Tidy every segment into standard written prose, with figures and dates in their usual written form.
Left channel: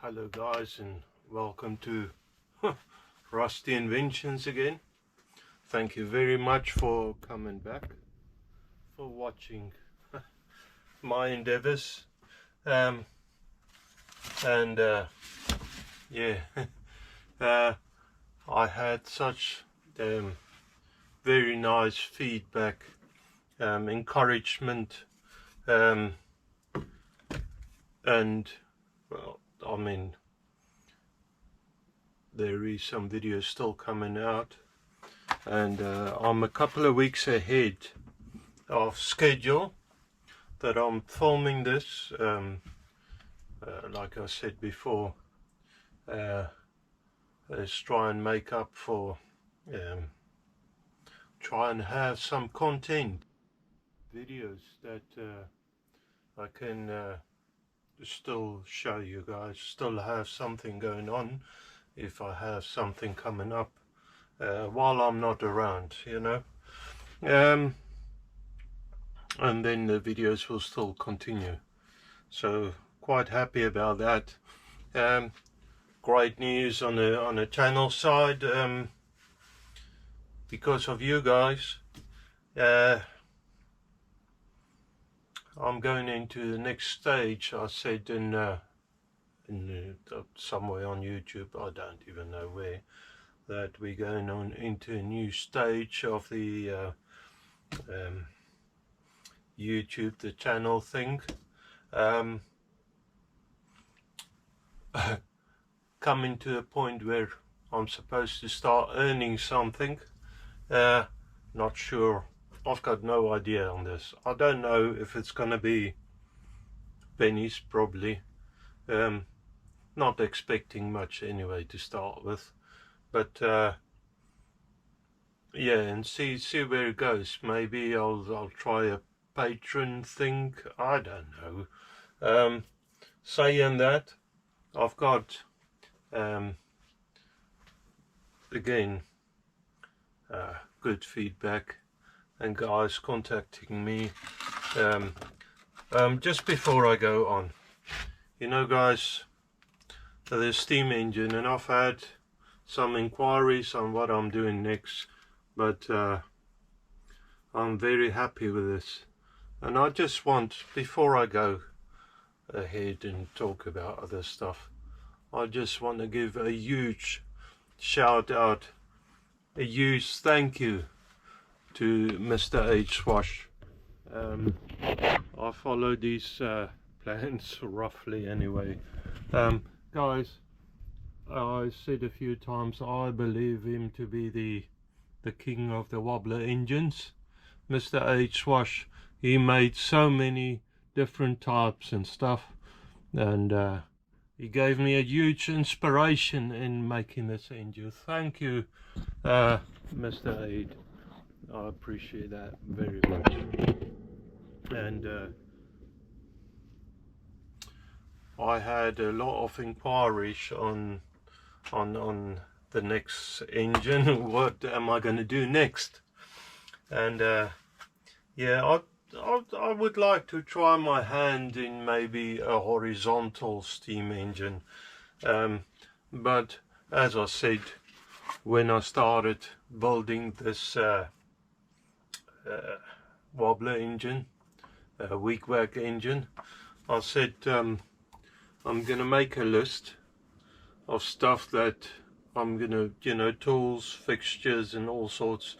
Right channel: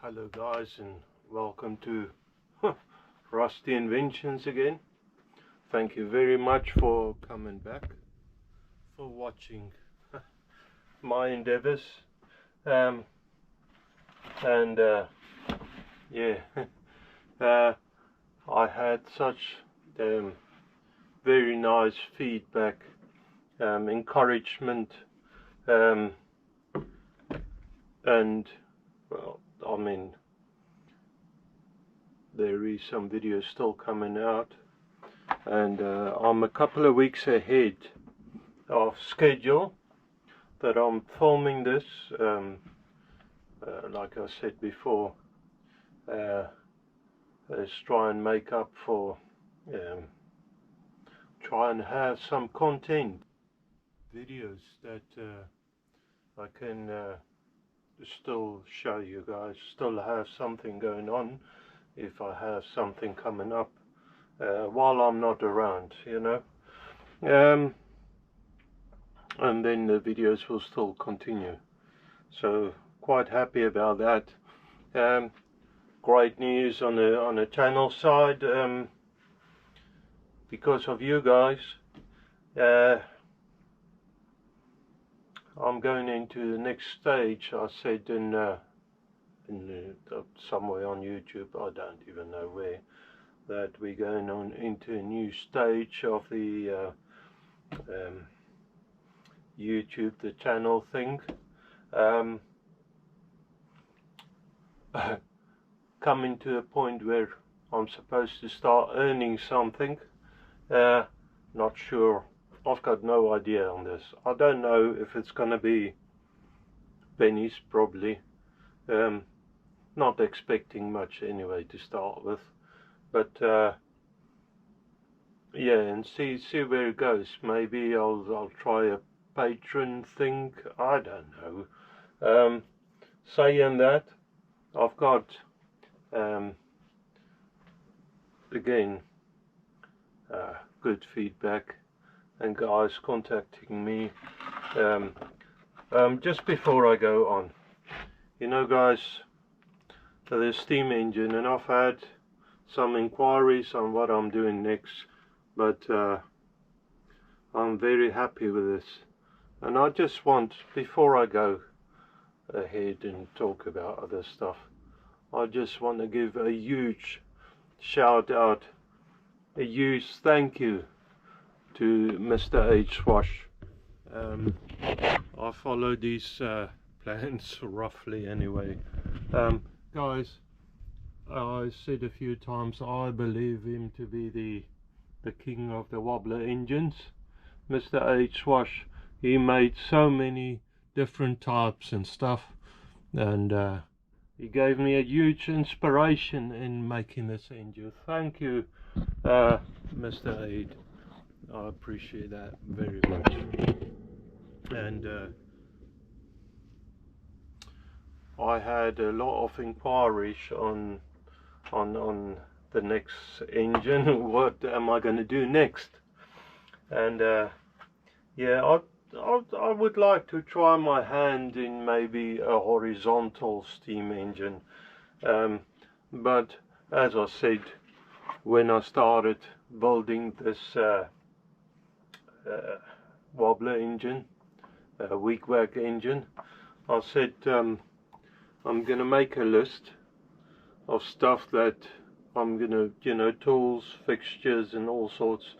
Hello guys, and welcome to Rusty Inventions again. Thank you very much for coming back, for watching my endeavors, and yeah, I had such very nice feedback, encouragement, and well, I mean, there is some videos still coming out, and I'm a couple of weeks ahead of schedule that I'm filming this. Like I said before, let's try and make up for, try and have some content videos that I can still show you guys, still have something going on if I have something coming up while I'm not around, you know. And then the videos will still continue, so quite happy about that. Great news on the channel side, because of you guys. I'm going into the next stage. I said in somewhere on YouTube, I don't even know where, that we're going on into a new stage of the YouTube, the channel thing. Coming to a point where I'm supposed to start earning something. Not sure. I've got no idea on this. I don't know if it's gonna be pennies, probably. Not expecting much anyway to start with, but yeah, and see where it goes. Maybe I'll try a patron thing. I don't know. Saying that, I've got again good feedback and guys contacting me. Just before I go on, you know guys, the steam engine, and I've had some inquiries on what I'm doing next, but I'm very happy with this, and I just want, before I go ahead and talk about other stuff, I just want to give a huge shout out, a huge thank you to Mr. Ade Swash. I followed these plans roughly anyway. Guys, I said a few times, I believe him to be the king of the wobbler engines. Mr. Ade Swash, he made so many different types and stuff, and he gave me a huge inspiration in making this engine. Thank you, Mr. Ade. I appreciate that very much. And I had a lot of inquiries on the next engine. What am I going to do next? And yeah, I would like to try my hand in maybe a horizontal steam engine, but as I said, when I started building this wobbler engine, wig-wag engine, I said I'm gonna make a list of stuff that I'm gonna, you know, tools, fixtures and all sorts,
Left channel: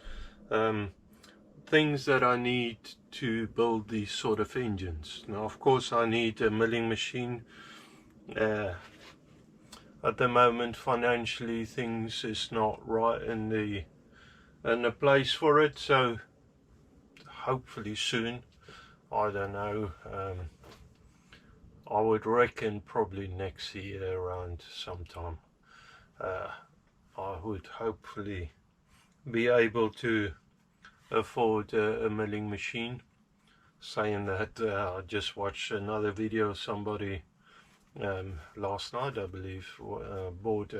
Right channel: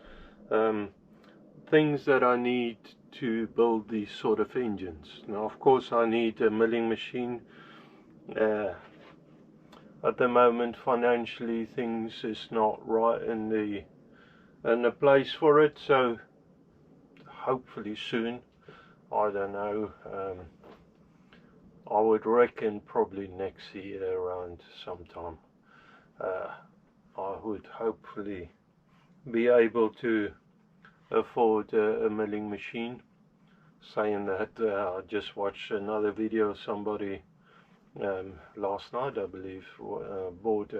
things that I need to build these sort of engines. Now of course I need a milling machine. At the moment financially things is not right in the place for it, so hopefully soon, I don't know, I would reckon probably next year around sometime, I would hopefully be able to afford a milling machine. Saying that, I just watched another video of somebody last night, I believe, bought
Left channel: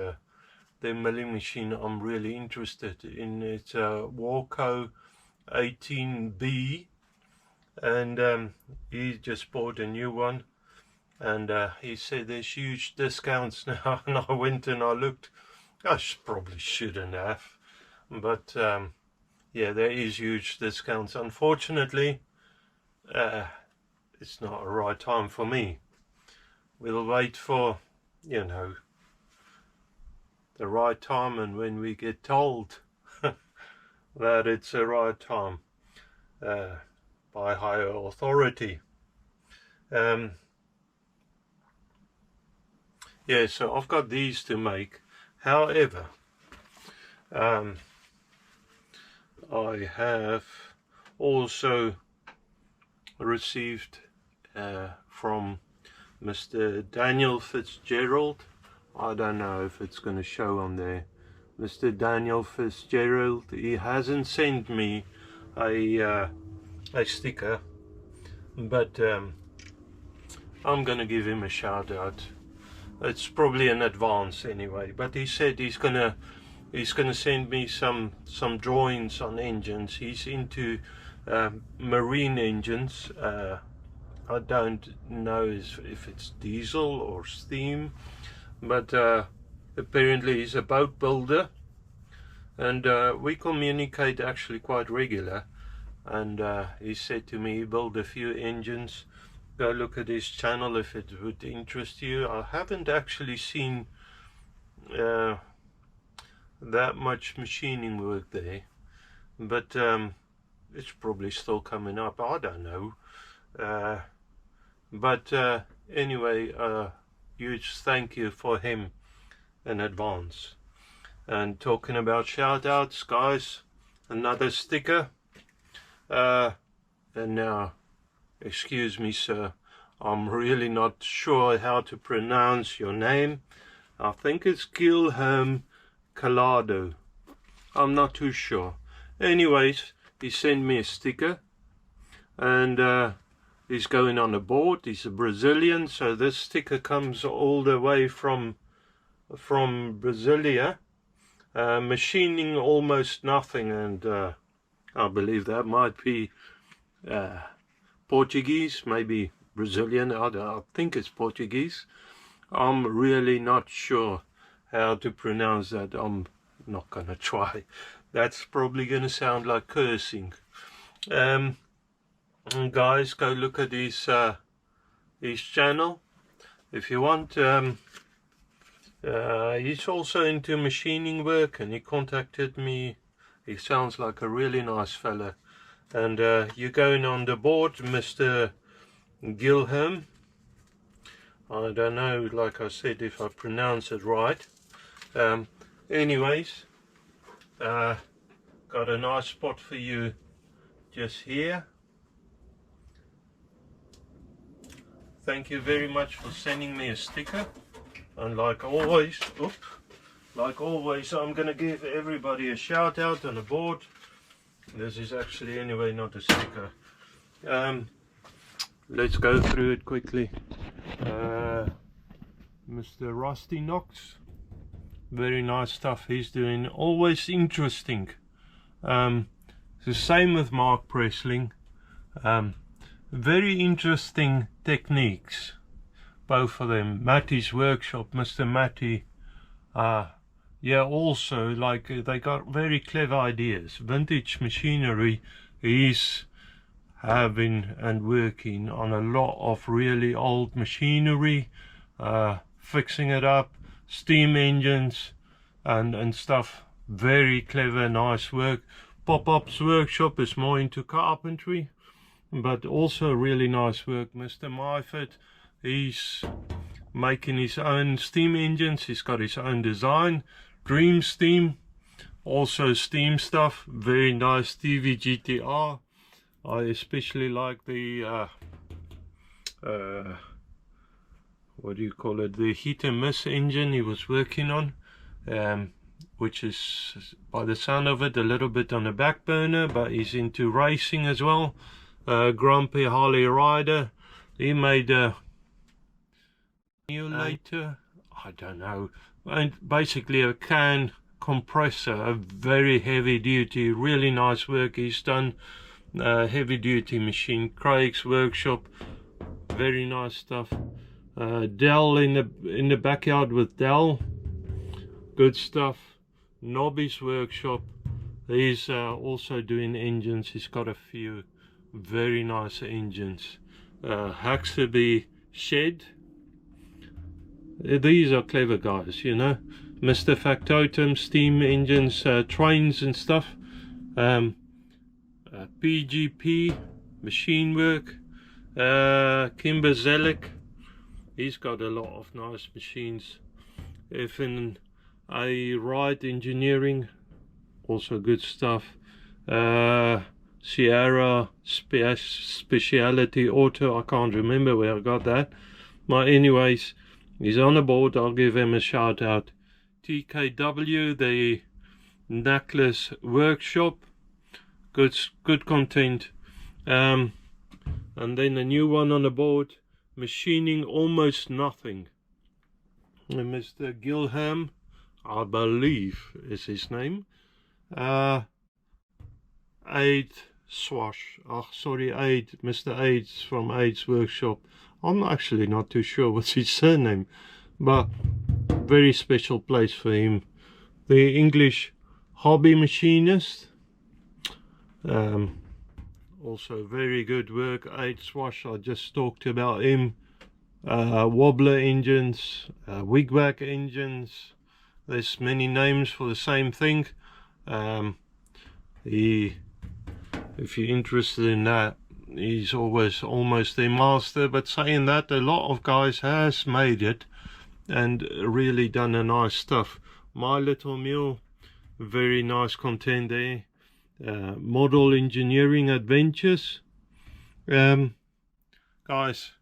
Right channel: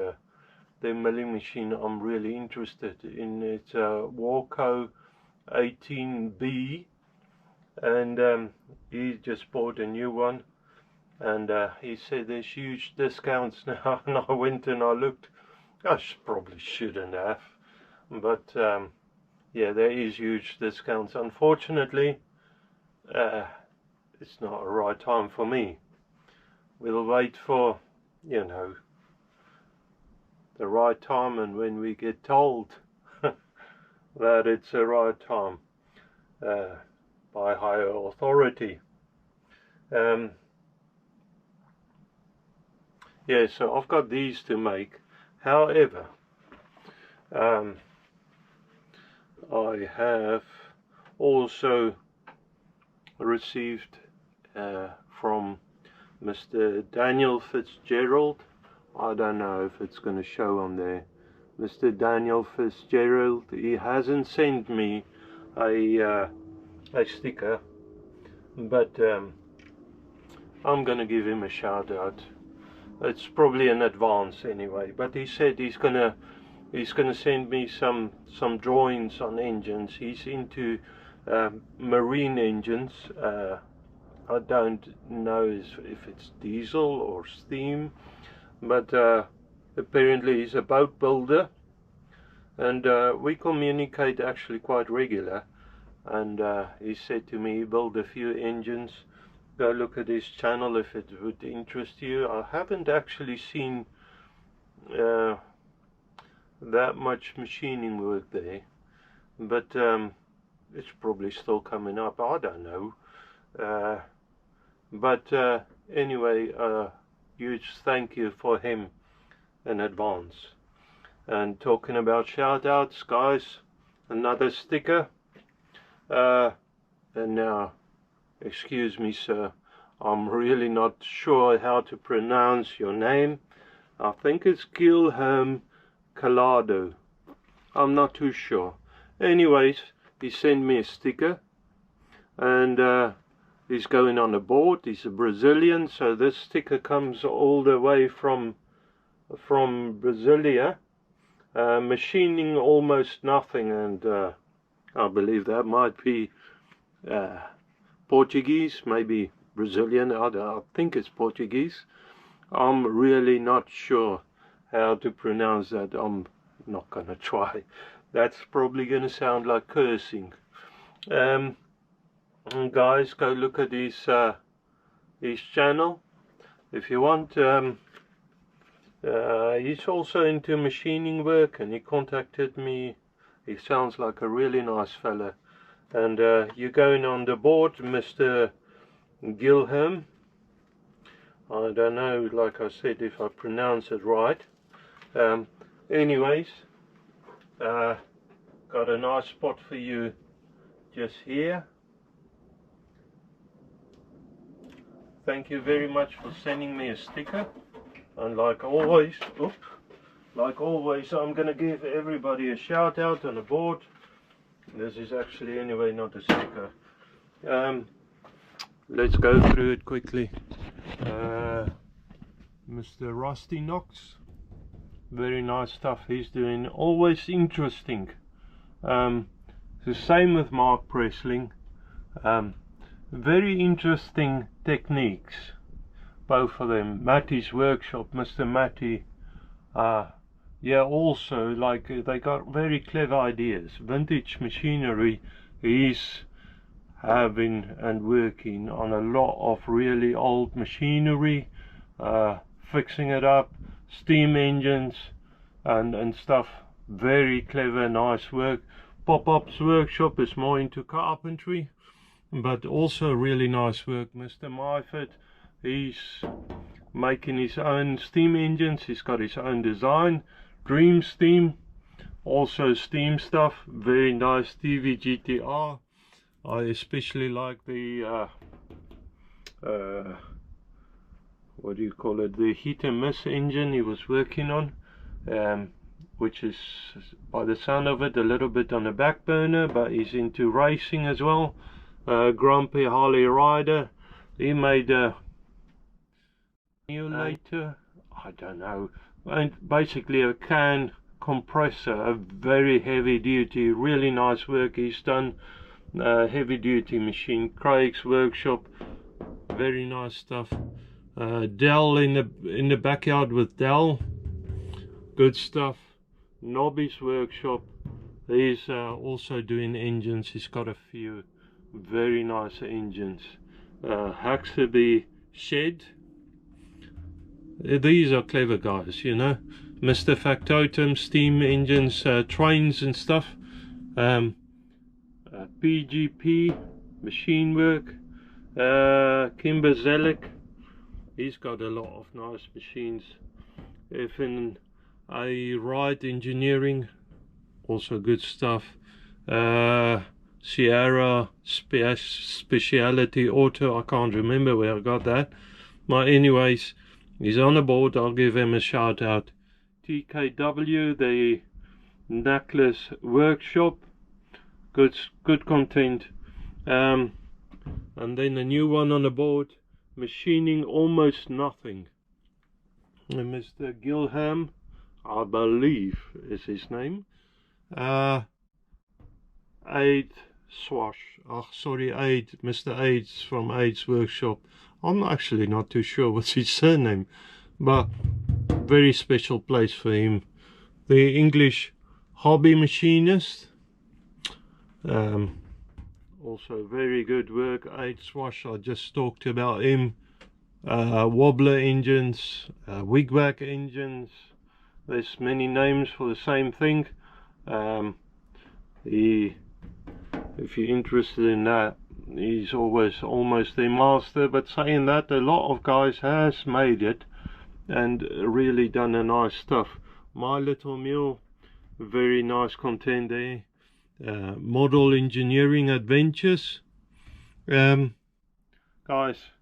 the milling machine I'm really interested in. It's a Warco 18B, and he just bought a new one, and he said there's huge discounts now, and I went and I looked. Probably shouldn't have, but yeah, there is huge discounts. Unfortunately, it's not a right time for me. We'll wait for, you know, the right time, and when we get told that it's the right time by higher authority. Yeah, so I've got these to make. However, I have also received from Mr. Daniel Fitzgerald. I don't know if it's going to show on there. Mr. Daniel Fitzgerald, he hasn't sent me a sticker, but I'm going to give him a shout out. It's probably in advance anyway, but he said he's gonna send me some drawings on engines. He's into marine engines. I don't know if it's diesel or steam, but apparently he's a boat builder, and we communicate actually quite regular. And he said to me he built a few engines. Go look at his channel if it would interest you. I haven't actually seen that much machining work there, but it's probably still coming up. I don't know. But anyway, huge thank you for him in advance. And talking about shoutouts, guys, another sticker. And now, excuse me, sir, I'm really not sure how to pronounce your name. I think it's Gilherme Calado. I'm not too sure. Anyways, he sent me a sticker, and he's going on a board. He's a Brazilian, so this sticker comes all the way from Brasilia. Machining almost nothing, and I believe that might be Portuguese, maybe Brazilian. I think it's Portuguese. I'm really not sure how to pronounce that. I'm not gonna try. That's probably gonna sound like cursing. Guys, go look at his channel if you want. He's also into machining work, and he contacted me. He sounds like a really nice fella. And you're going on the board, Mr. Gilherme. I don't know, like I said, if I pronounce it right. Anyways, got a nice spot for you just here. Thank you very much for sending me a sticker. And like always, I'm gonna give everybody a shout out on the board. This is actually anyway not a sticker. Let's go through it quickly. Mr. Rusty Knox, very nice stuff he's doing, always interesting. The same with Mark Pressling. Very interesting techniques, both of them. Matty's workshop, Mr. Matty, yeah, also like they got very clever ideas. Vintage machinery, he's having and working on a lot of really old machinery, fixing it up, steam engines and stuff. Very clever, nice work. Pop-Up's workshop is more into carpentry, but also really nice work. Mr. Myford, he's making his own steam engines. He's got his own design. Dream Steam, also steam stuff, very nice. TV GTR, I especially like the what do you call it, the heat and miss engine he was working on, which is, by the sound of it, a little bit on the back burner, but he's into racing as well. Grumpy Harley Rider, he made a emulator, I don't know, and basically a can compressor, a very heavy duty, really nice work he's done. Heavy duty machine, Craig's workshop, very nice stuff. Dell in the backyard with Dell, good stuff. Nobby's workshop, he's also doing engines. He's got a few very nice engines. Huxley Shed, these are clever guys, you know. Mr. Factotum, steam engines, trains and stuff. PGP, machine work. Kimber Zelik, he's got a lot of nice machines. Even a Ride Engineering, also good stuff. Sierra Speciality Auto, I can't remember where I got that, but anyways, he's on the board. I'll give him a shout out. TKW, the Necklace Workshop, good content. And then a new one on the board, Machining Almost Nothing. And Mr. Gilham, I believe is his name. Ade Swash. Oh, sorry, Ade. Mr. Ade's from Ade's Workshop. I'm actually not too sure what's his surname, but very special place for him. The English Hobby Machinist. Also very good work. Ade Swash, I just talked about him. Wobbler engines, wigwag engines. There's many names for the same thing. If you're interested in that, he's always almost a master. But saying that, a lot of guys has made it and really done a nice stuff. My Little Mule, very nice content there. Model Engineering Adventures, guys,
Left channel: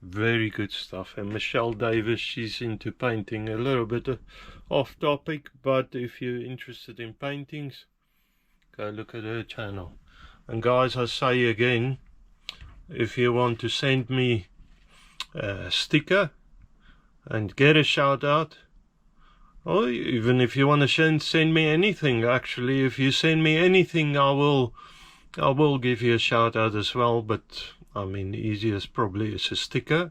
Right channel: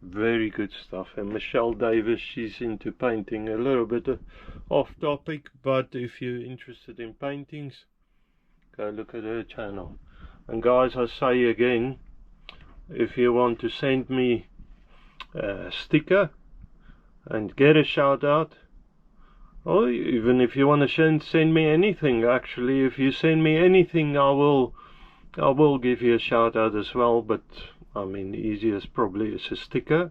very good stuff. And Michelle Davis, she's into painting, a little bit off topic, but if you're interested in paintings, go look at her channel. And guys, I say again, if you want to send me a sticker and get a shout out, or even if you want to send me anything, actually, if you send me anything, I will give you a shout out as well. But I mean, easiest probably is a sticker.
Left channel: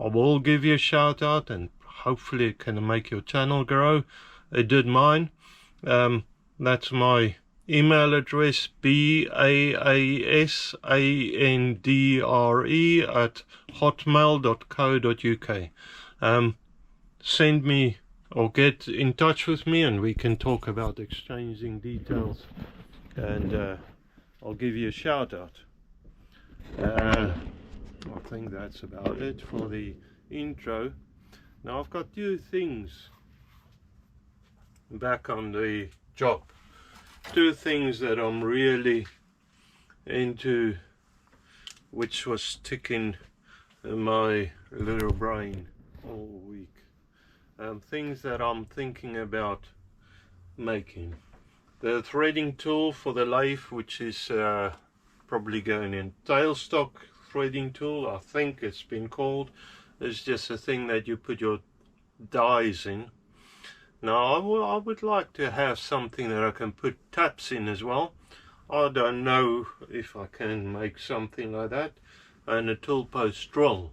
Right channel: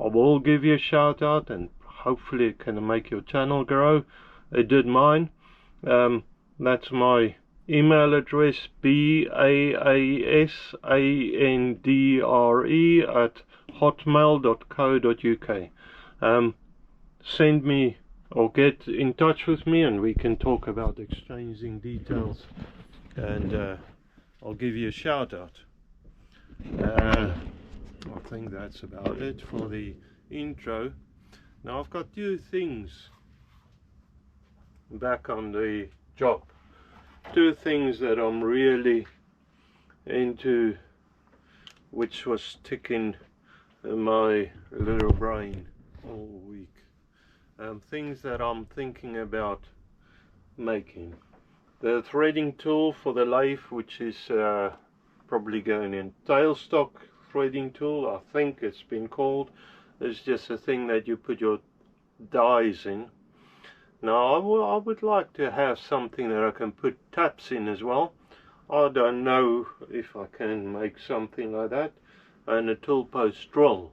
I will give you a shout out, and hopefully it can make your channel grow. It did mine. That's my email address, baasandre@hotmail.co.uk. Send me or get in touch with me and we can talk about exchanging details, and I'll give you a shout out. I think that's about it for the intro. Now I've got two things back on the job, two things that I'm really into, which was ticking in my little brain all week. Things that I'm thinking about making. The threading tool for the lathe, which is probably going in tailstock threading tool, I think it's been called. It's just a thing that you put your dies in. Now I would like to have something that I can put taps in as well. I don't know if I can make something like that. And a tool post drill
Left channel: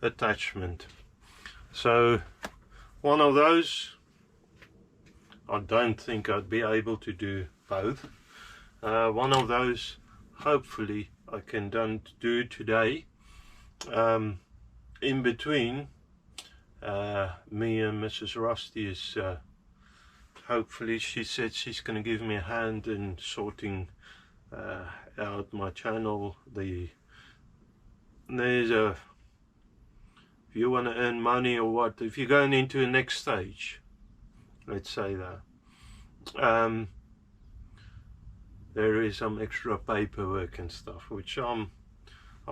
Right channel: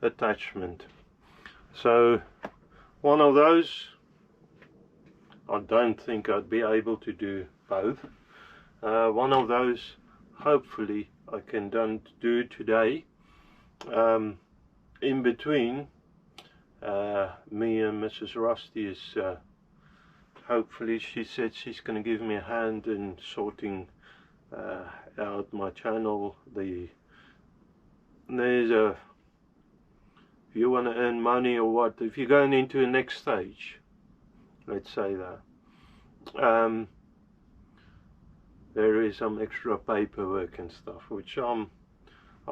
attachment. So one of those, I don't think I'd be able to do both. One of those, hopefully I can do today. In between, me and Mrs. Rusty is, hopefully she said she's going to give me a hand in sorting out my channel. There's a, if you want to earn money or what, if you're going into the next stage, let's say that, there is some extra paperwork and stuff, which I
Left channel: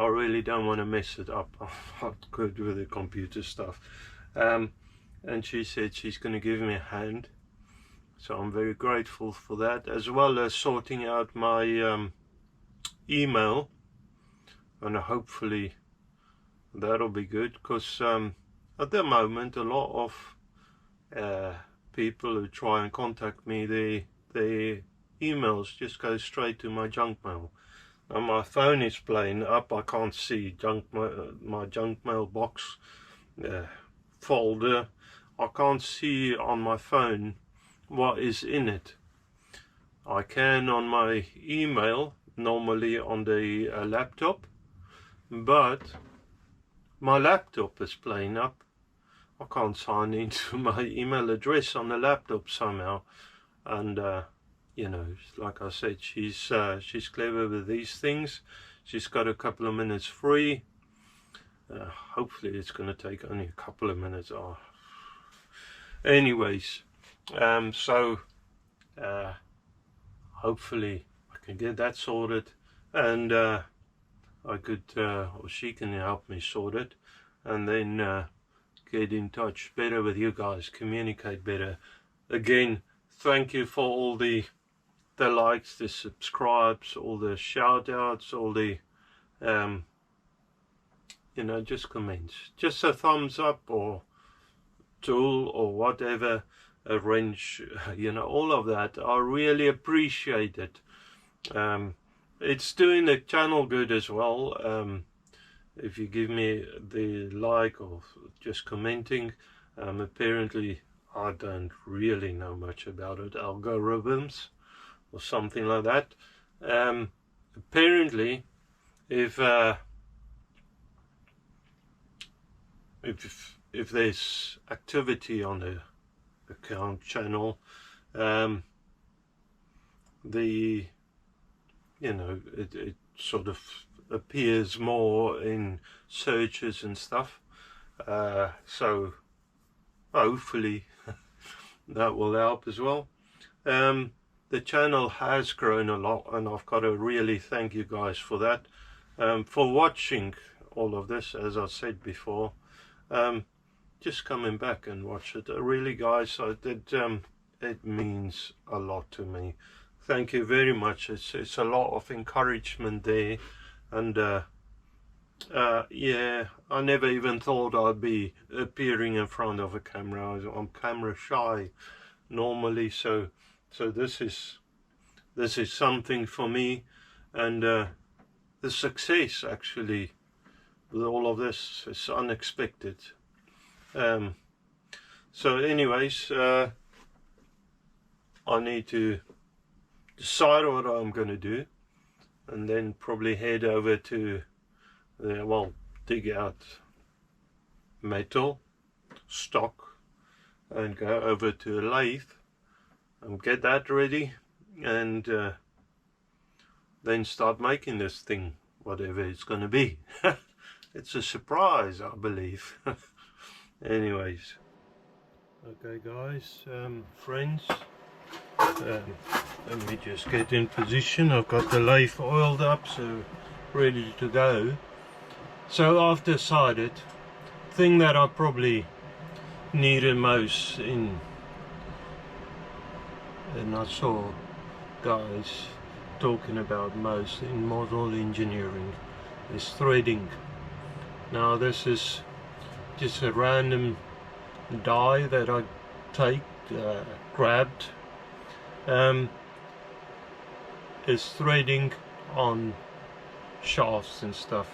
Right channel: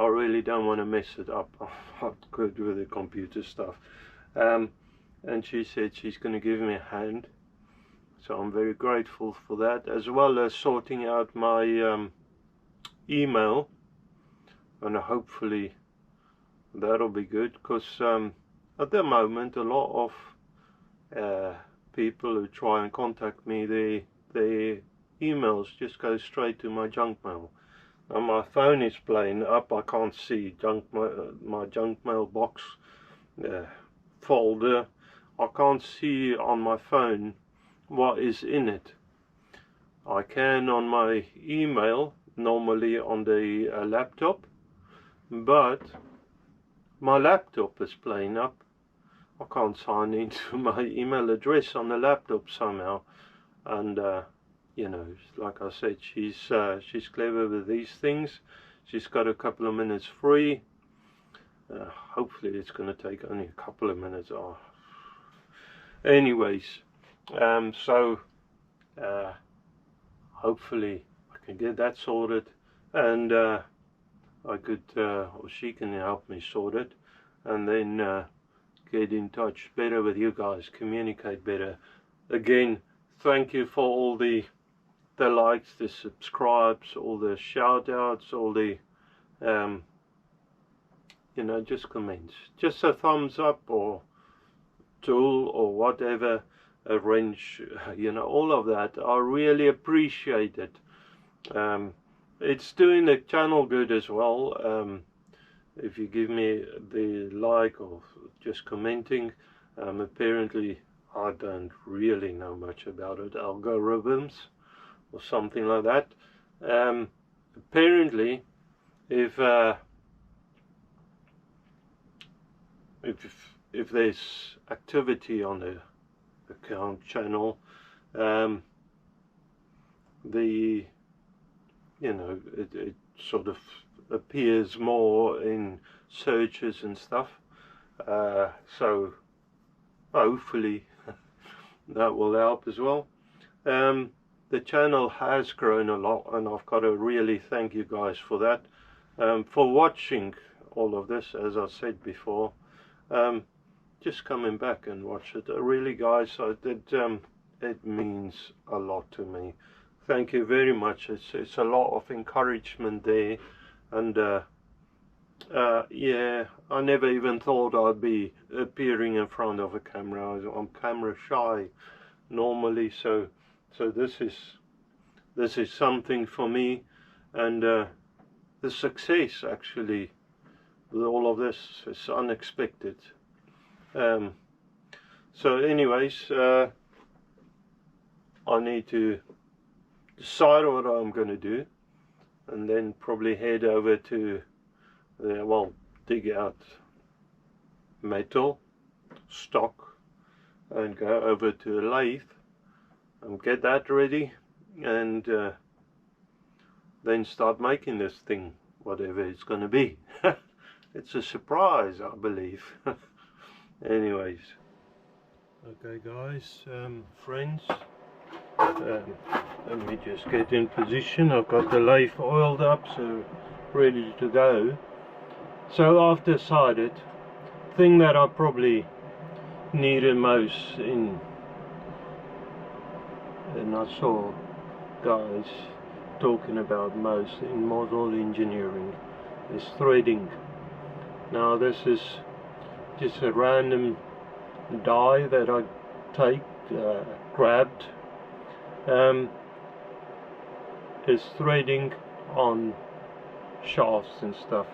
really don't want to mess it up. I'm not good with the computer stuff. And she said she's going to give me a hand, so I'm very grateful for that, as well as sorting out my email, and hopefully that'll be good, because at the moment a lot of people who try and contact me, their emails just go straight to my junk mail. and my phone is playing up. I can't see my junk mail box folder. I can't see on my phone what is in it. I can on my email, normally on the laptop, but my laptop is playing up. I can't sign into my email address on the laptop somehow. And you know, like I said, she's clever with these things. She's got a couple of minutes free. Hopefully it's going to take only a couple of minutes. Oh. Anyways, so hopefully I can get that sorted, and I could, or she can help me sort it, and then get in touch better with you guys, communicate better. Again, thank you for all the likes, the subscribes, all the shout outs, all the you know, just comments, just a thumbs up or tool or whatever, a wrench, you know, all of that. I really appreciate it. It's doing the channel good as well. If you give me the like or just commenting. Apparently I don't really know much about it, algorithms or something like that. Apparently if there's activity on the account channel, you know, it sort of appears more in searches and stuff, so hopefully that will help as well. The channel has grown a lot, and I've got to really thank you guys for that, for watching all of this. As I said before, just coming back and watch it, really guys, it means a lot to me. Thank you very much. It's a lot of encouragement there, and yeah, I never even thought I'd be appearing in front of a camera. I'm camera shy normally, so this is something for me, and the success actually with all of this is unexpected. So anyways, I need to decide what I'm going to do, and then probably head over to well, dig out metal stock and go over to a lathe and get that ready, and then start making this thing, whatever it's going to be. It's a surprise, I believe. Anyways, okay guys, friends, let me just get in position. I've got the lathe oiled up, so ready to go. So I've decided, thing that I probably needed most in, and I saw guys talking about most in model engineering, is threading. Now this is just a random die that I grabbed. Is threading on shafts and stuff.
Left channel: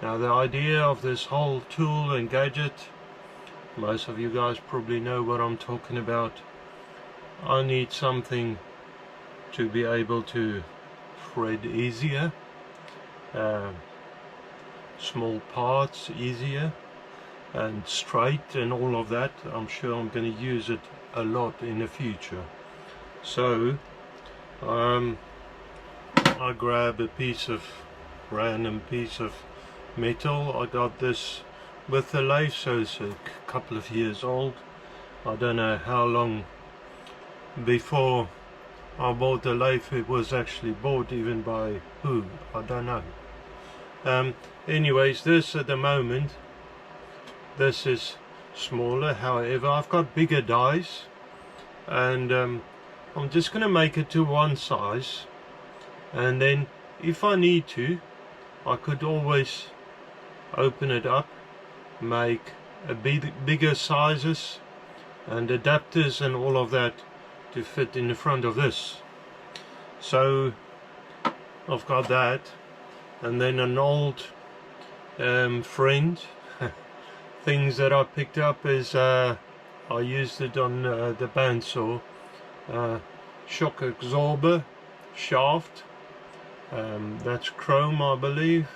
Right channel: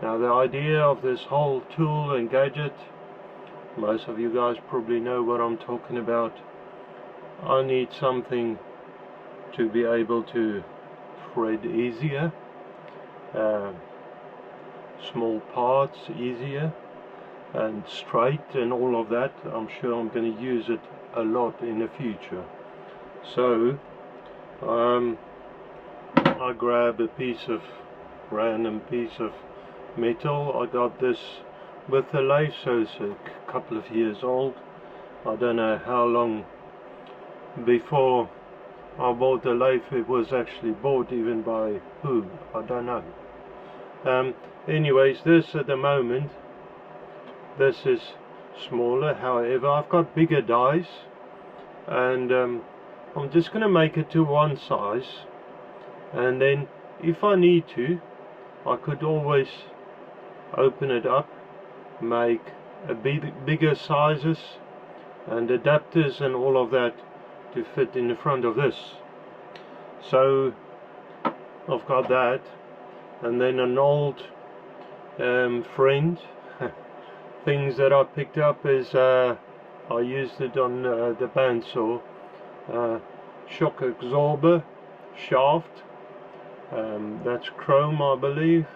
Now the idea of this whole tool and gadget, most of you guys probably know what I'm talking about. I need something to be able to thread easier, small parts easier and straight and all of that. I'm sure I'm going to use it a lot in the future. So I grab a random piece of metal. I got this with the lathe, so it's a couple of years old. I don't know how long before I bought the lathe it was actually bought, even by who, I don't know. Anyways, this at the moment, this is smaller. However, I've got bigger dies, and I'm just going to make it to one size, and then if I need to, I could always open it up, make a bigger sizes and adapters and all of that to fit in the front of this. So I've got that, and then an old friend. Things that I picked up is I used it on the bandsaw. Shock absorber shaft, that's chrome, I believe.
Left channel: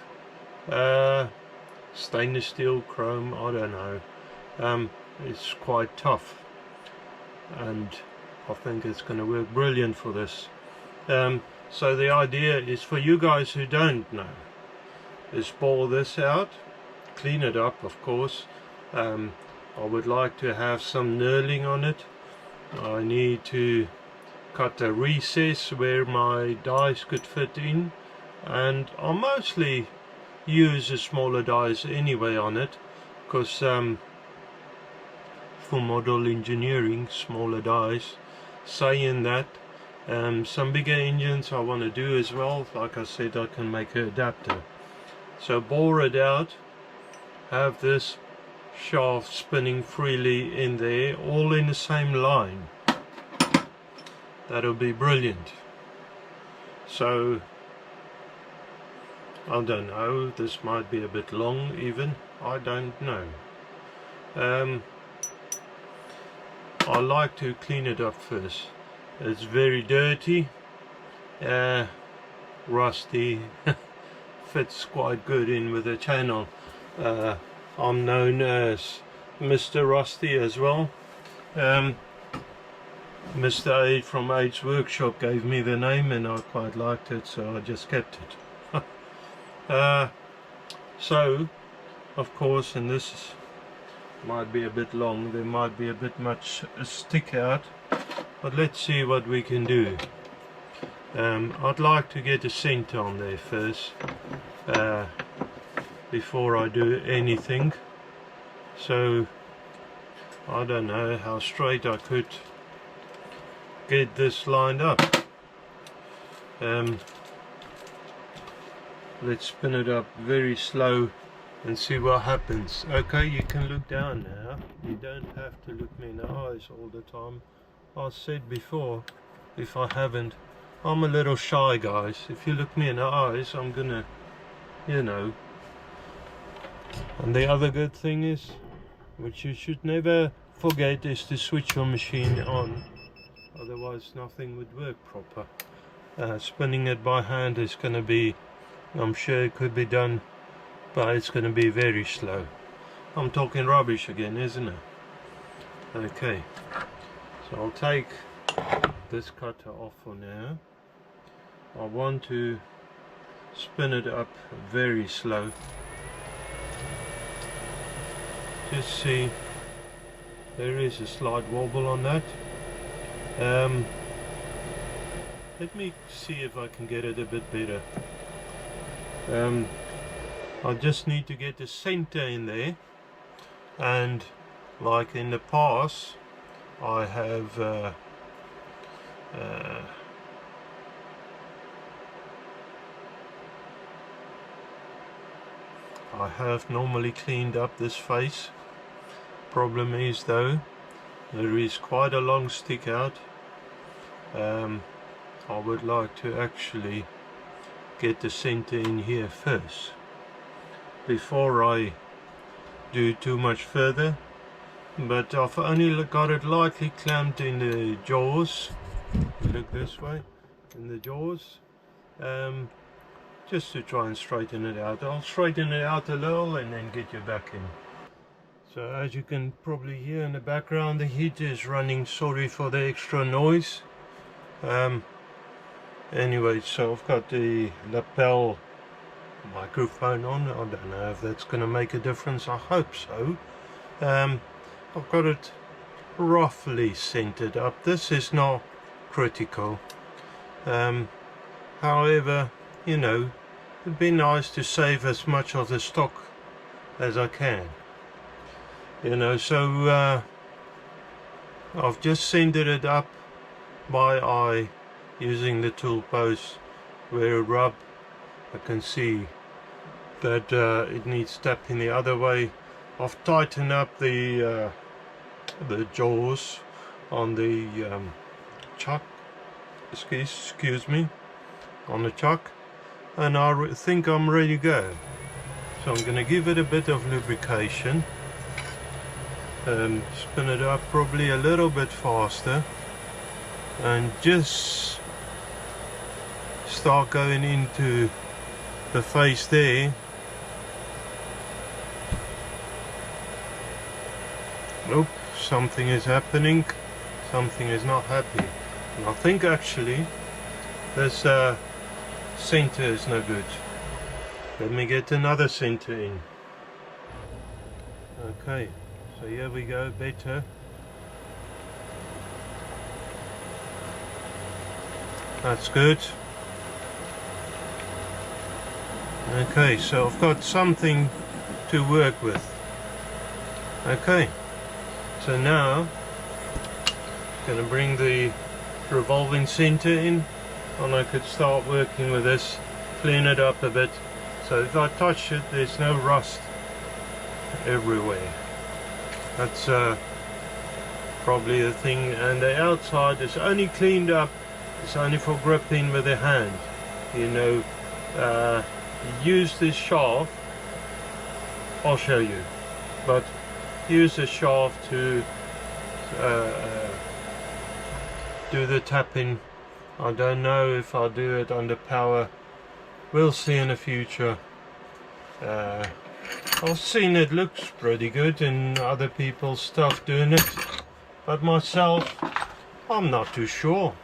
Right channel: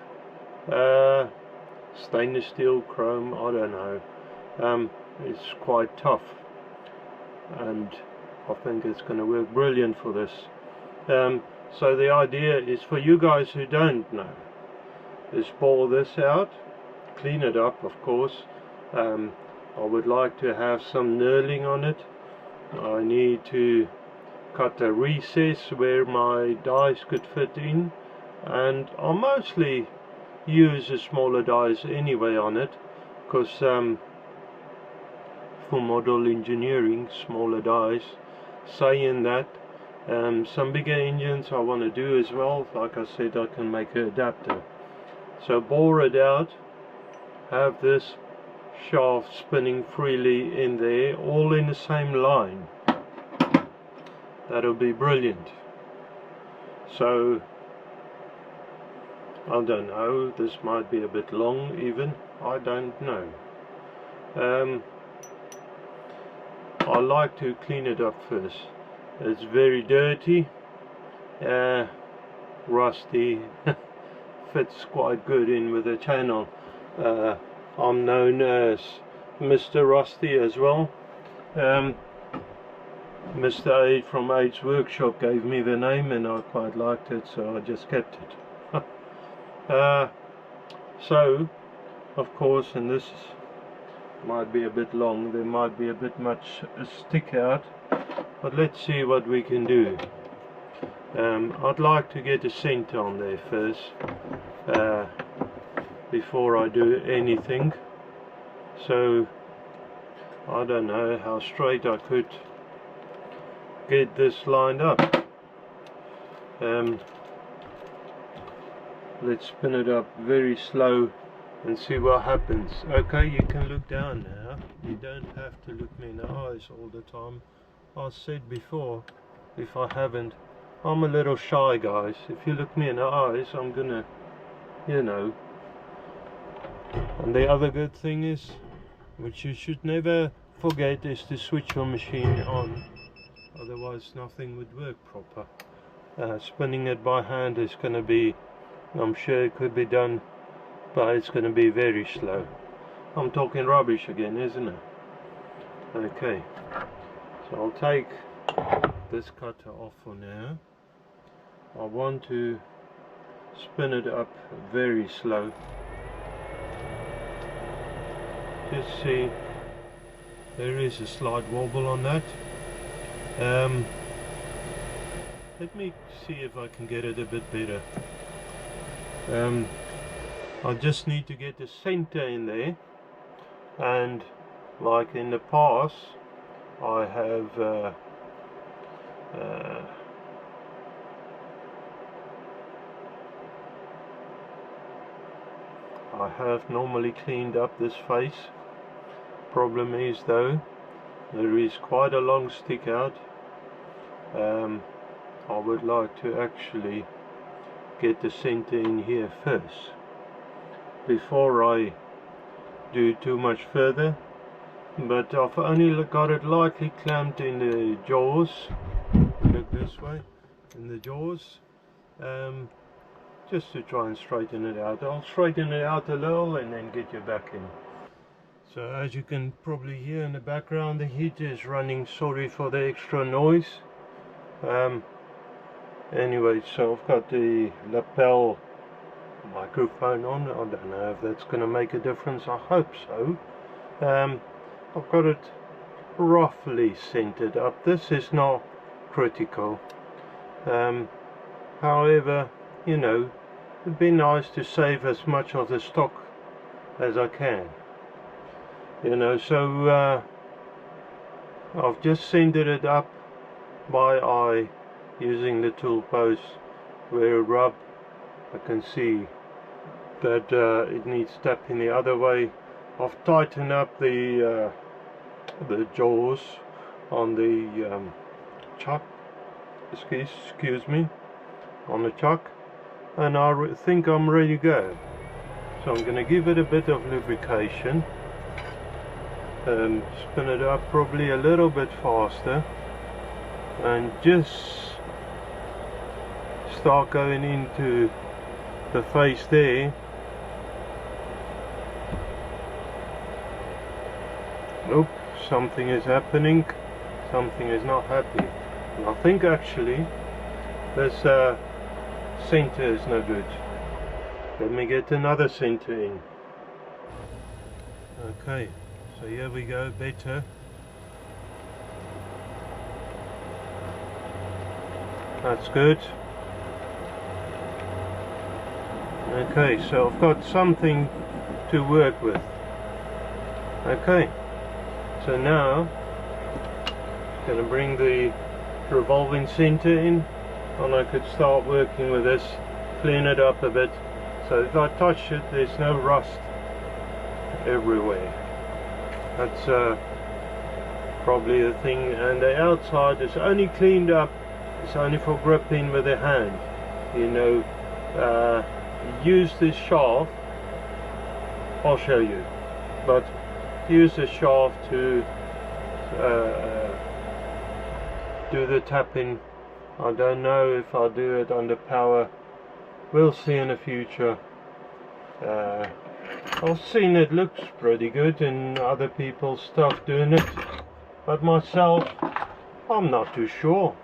Stainless steel, chrome, I don't know. It's quite tough, and I think it's going to work brilliant for this. So the idea is, for you guys who don't know, is bore this out, clean it up, of course. I would like to have some knurling on it. I need to cut a recess where my dies could fit in, and I'll mostly use the smaller dies anyway on it, because for model engineering, smaller dies. Saying that, some bigger engines I want to do as well. Like I said, I can make an adapter. So bore it out, have this shaft spinning freely in there, all in the same line. That'll be brilliant. So I don't know, this might be a bit long even, I don't know. I like to clean it up first. It's very dirty, rusty, fits quite good in with the channel. I'm known as Mr. Rusty as well. Mr. Ade from Ade's Workshop gave me the name, and I quite liked it, so I just kept it. So, of course, and this might be a bit long, there might be a bit much stick out, but let's see what we can do. I'd like to get a center on there first, before I do anything. So I don't know how straight I could get this lined up. Let's spin it up very slow and see what happens. Okay, you can look down now. You don't have to look me in the eyes all the time. I said before, if I haven't, I'm a little shy, guys. If you look me in the eyes, I'm gonna, you know. And the other good thing is, which you should never forget, is to switch your machine on. Otherwise nothing would work proper. Spinning it by hand is going to be, I'm sure it could be done, but it's going to be very slow. I'm talking rubbish again, isn't it? Okay, so I'll take this cutter off for now. I want to spin it up very slow. Just see, there is a slight wobble on that. Let me see if I can get it a bit better. I just need to get the center in there, and like in the past I have normally cleaned up this face. Problem is though, there is quite a long stick out. I would like to actually get the center in here first before I do too much further, but I've only got it lightly clamped in the jaws. Look this way, in the jaws, just to try and straighten it out. I'll straighten it out a little and then get you back in. So as you can probably hear in the background, the heater is running. Sorry for the extra noise. Anyway, so I've got the lapel microphone on. I don't know if that's going to make a difference. I hope so. I've got it roughly centered up. This is not critical. However, you know, it'd be nice to save as much of the stock as I can. You know, so I've just centered it up by eye using the tool post. Where it rub, I can see that it needs tapping the other way. I've tightened up the jaws on the chuck, excuse me, on the chuck, and I think I'm ready to go. So I'm going to give it a bit of lubrication, spin it up probably a little bit faster, and just start going into the face there. Oh, something is happening, something is not happy. And I think actually this center is no good. Let me get another center in. Okay, so here we go, better. That's good. Okay, so I've got something to work with. Okay, so now I'm going to bring the revolving center in, and I could start working with this, clean it up a bit, so if I touch it there's no rust everywhere. That's probably the thing. And the outside is only cleaned up, it's only for gripping with the hand, you know. Use this shaft, I'll show you, but use the shaft to do the tapping. I don't know if I'll do it under power, we'll see in the future. I've seen it looks pretty good in other people's stuff doing it, but myself I'm not too sure.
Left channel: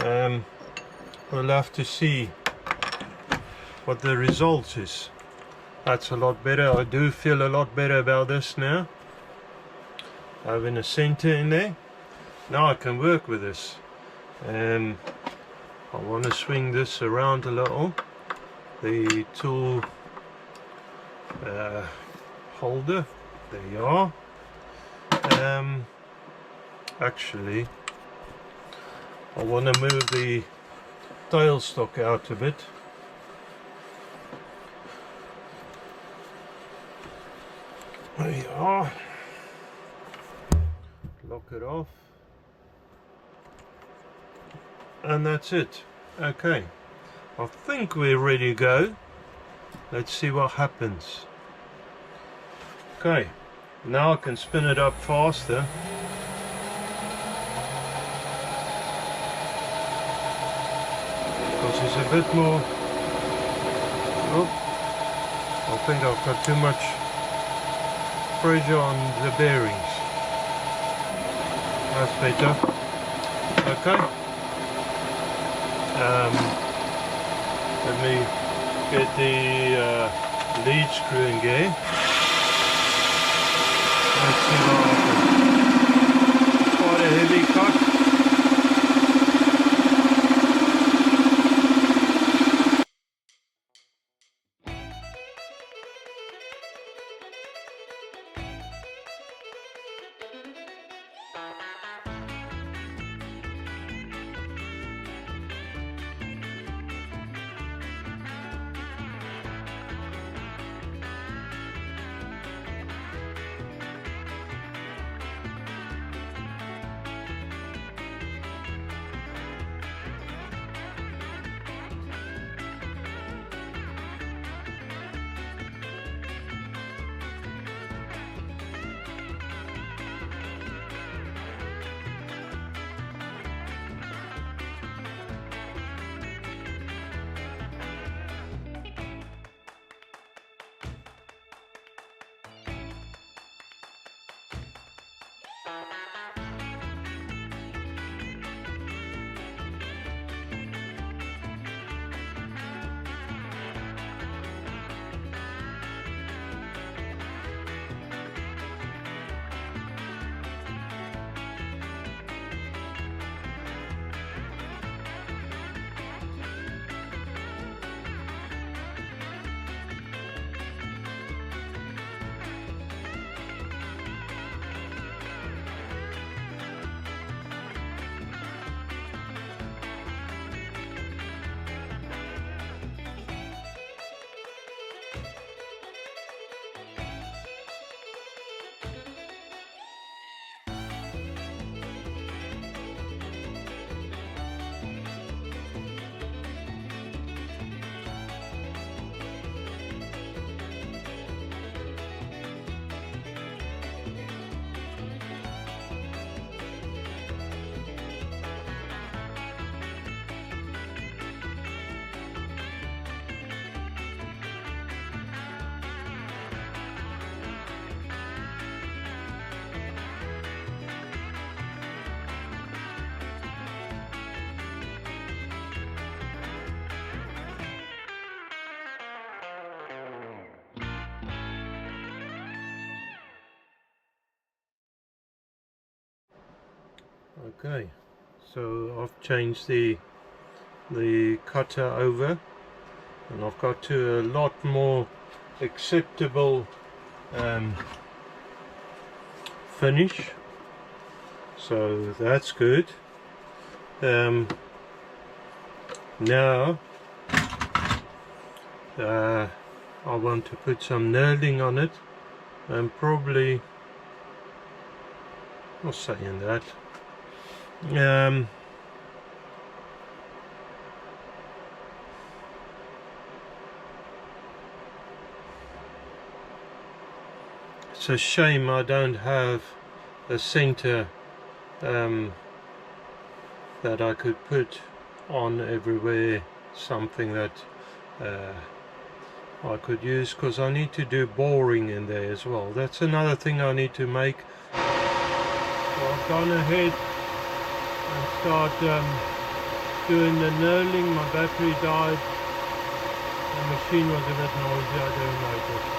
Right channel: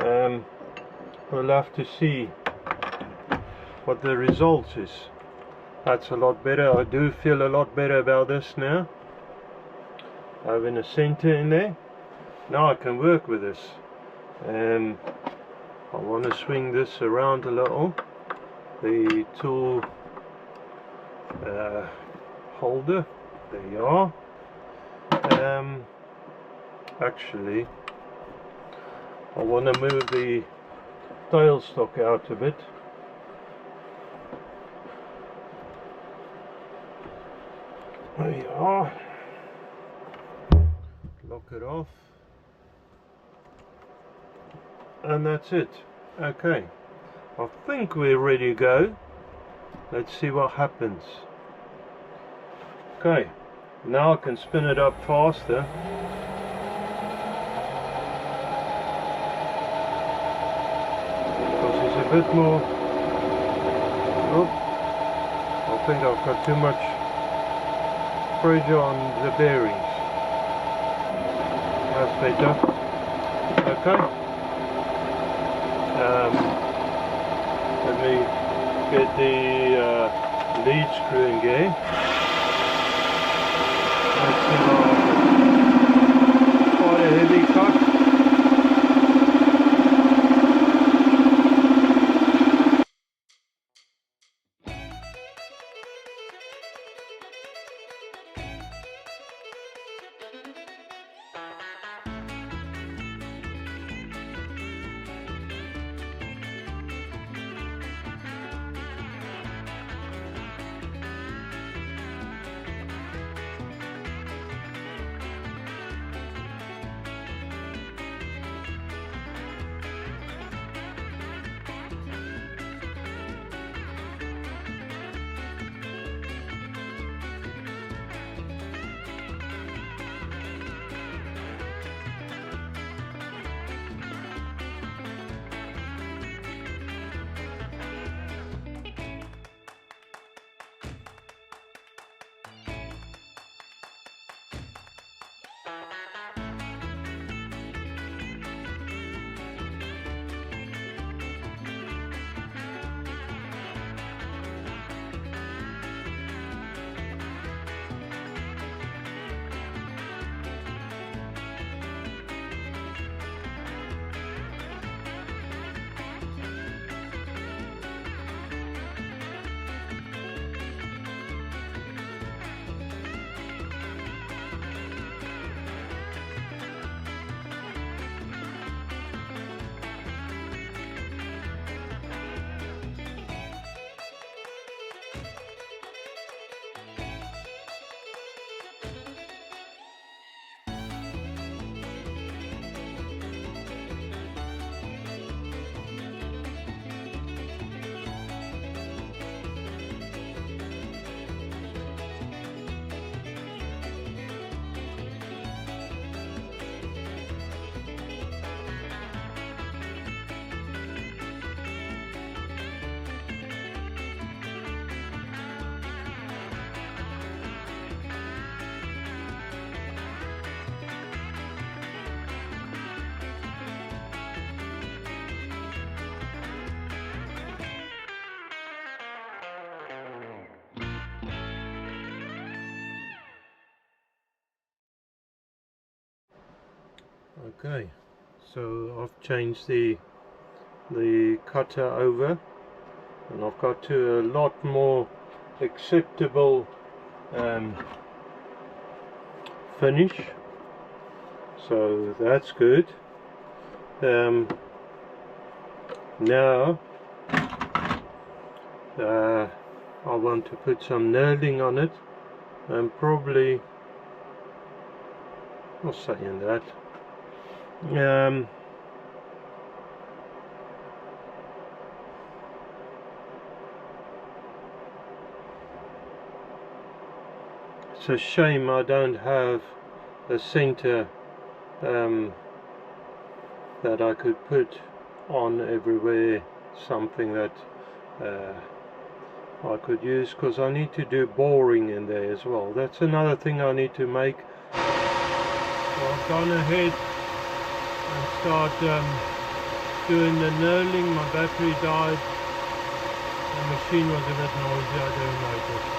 We'll have to see what the result is. That's a lot better. I do feel a lot better about this now, having a center in there. Now I can work with this. I want to swing this around a little, the tool holder, there you are. Actually I want to move the tailstock out a bit. There you are. Lock it off. And that's it. Okay. I think we're ready to go. Let's see what happens. Okay. Now I can spin it up faster. Because it's a bit more... Oh, I think I've got too much pressure on the bearings. That's better. Okay. Let me get the lead screw in gear. Let's see what happens. Quite a heavy cut. Okay, so I've changed the cutter over, and I've got to a lot more acceptable finish, so that's good. Now I want to put some knurling on it, and probably, not saying that, it's a shame I don't have a center that I could put on everywhere, something that I could use, because I need to do boring in there as well. That's another thing I need to make. So I've gone ahead and start doing the knurling. My battery died, the machine was a bit noisy, I don't notice.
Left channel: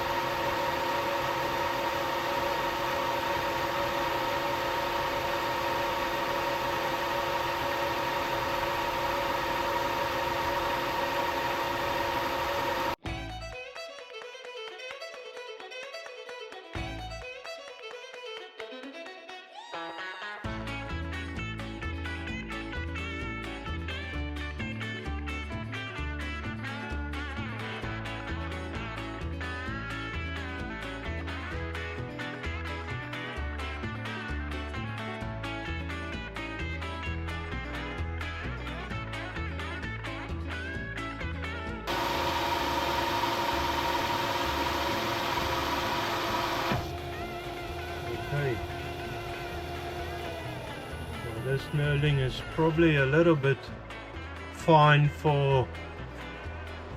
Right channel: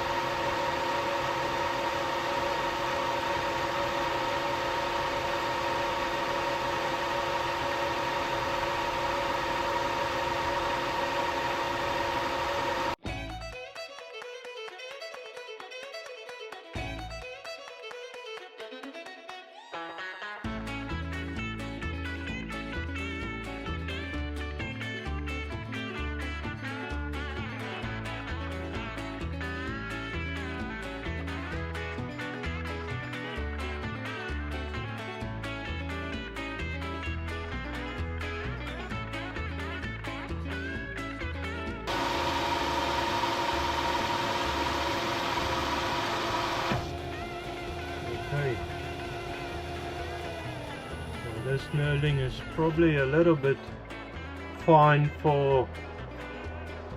Okay, so this knurling is probably a little bit fine for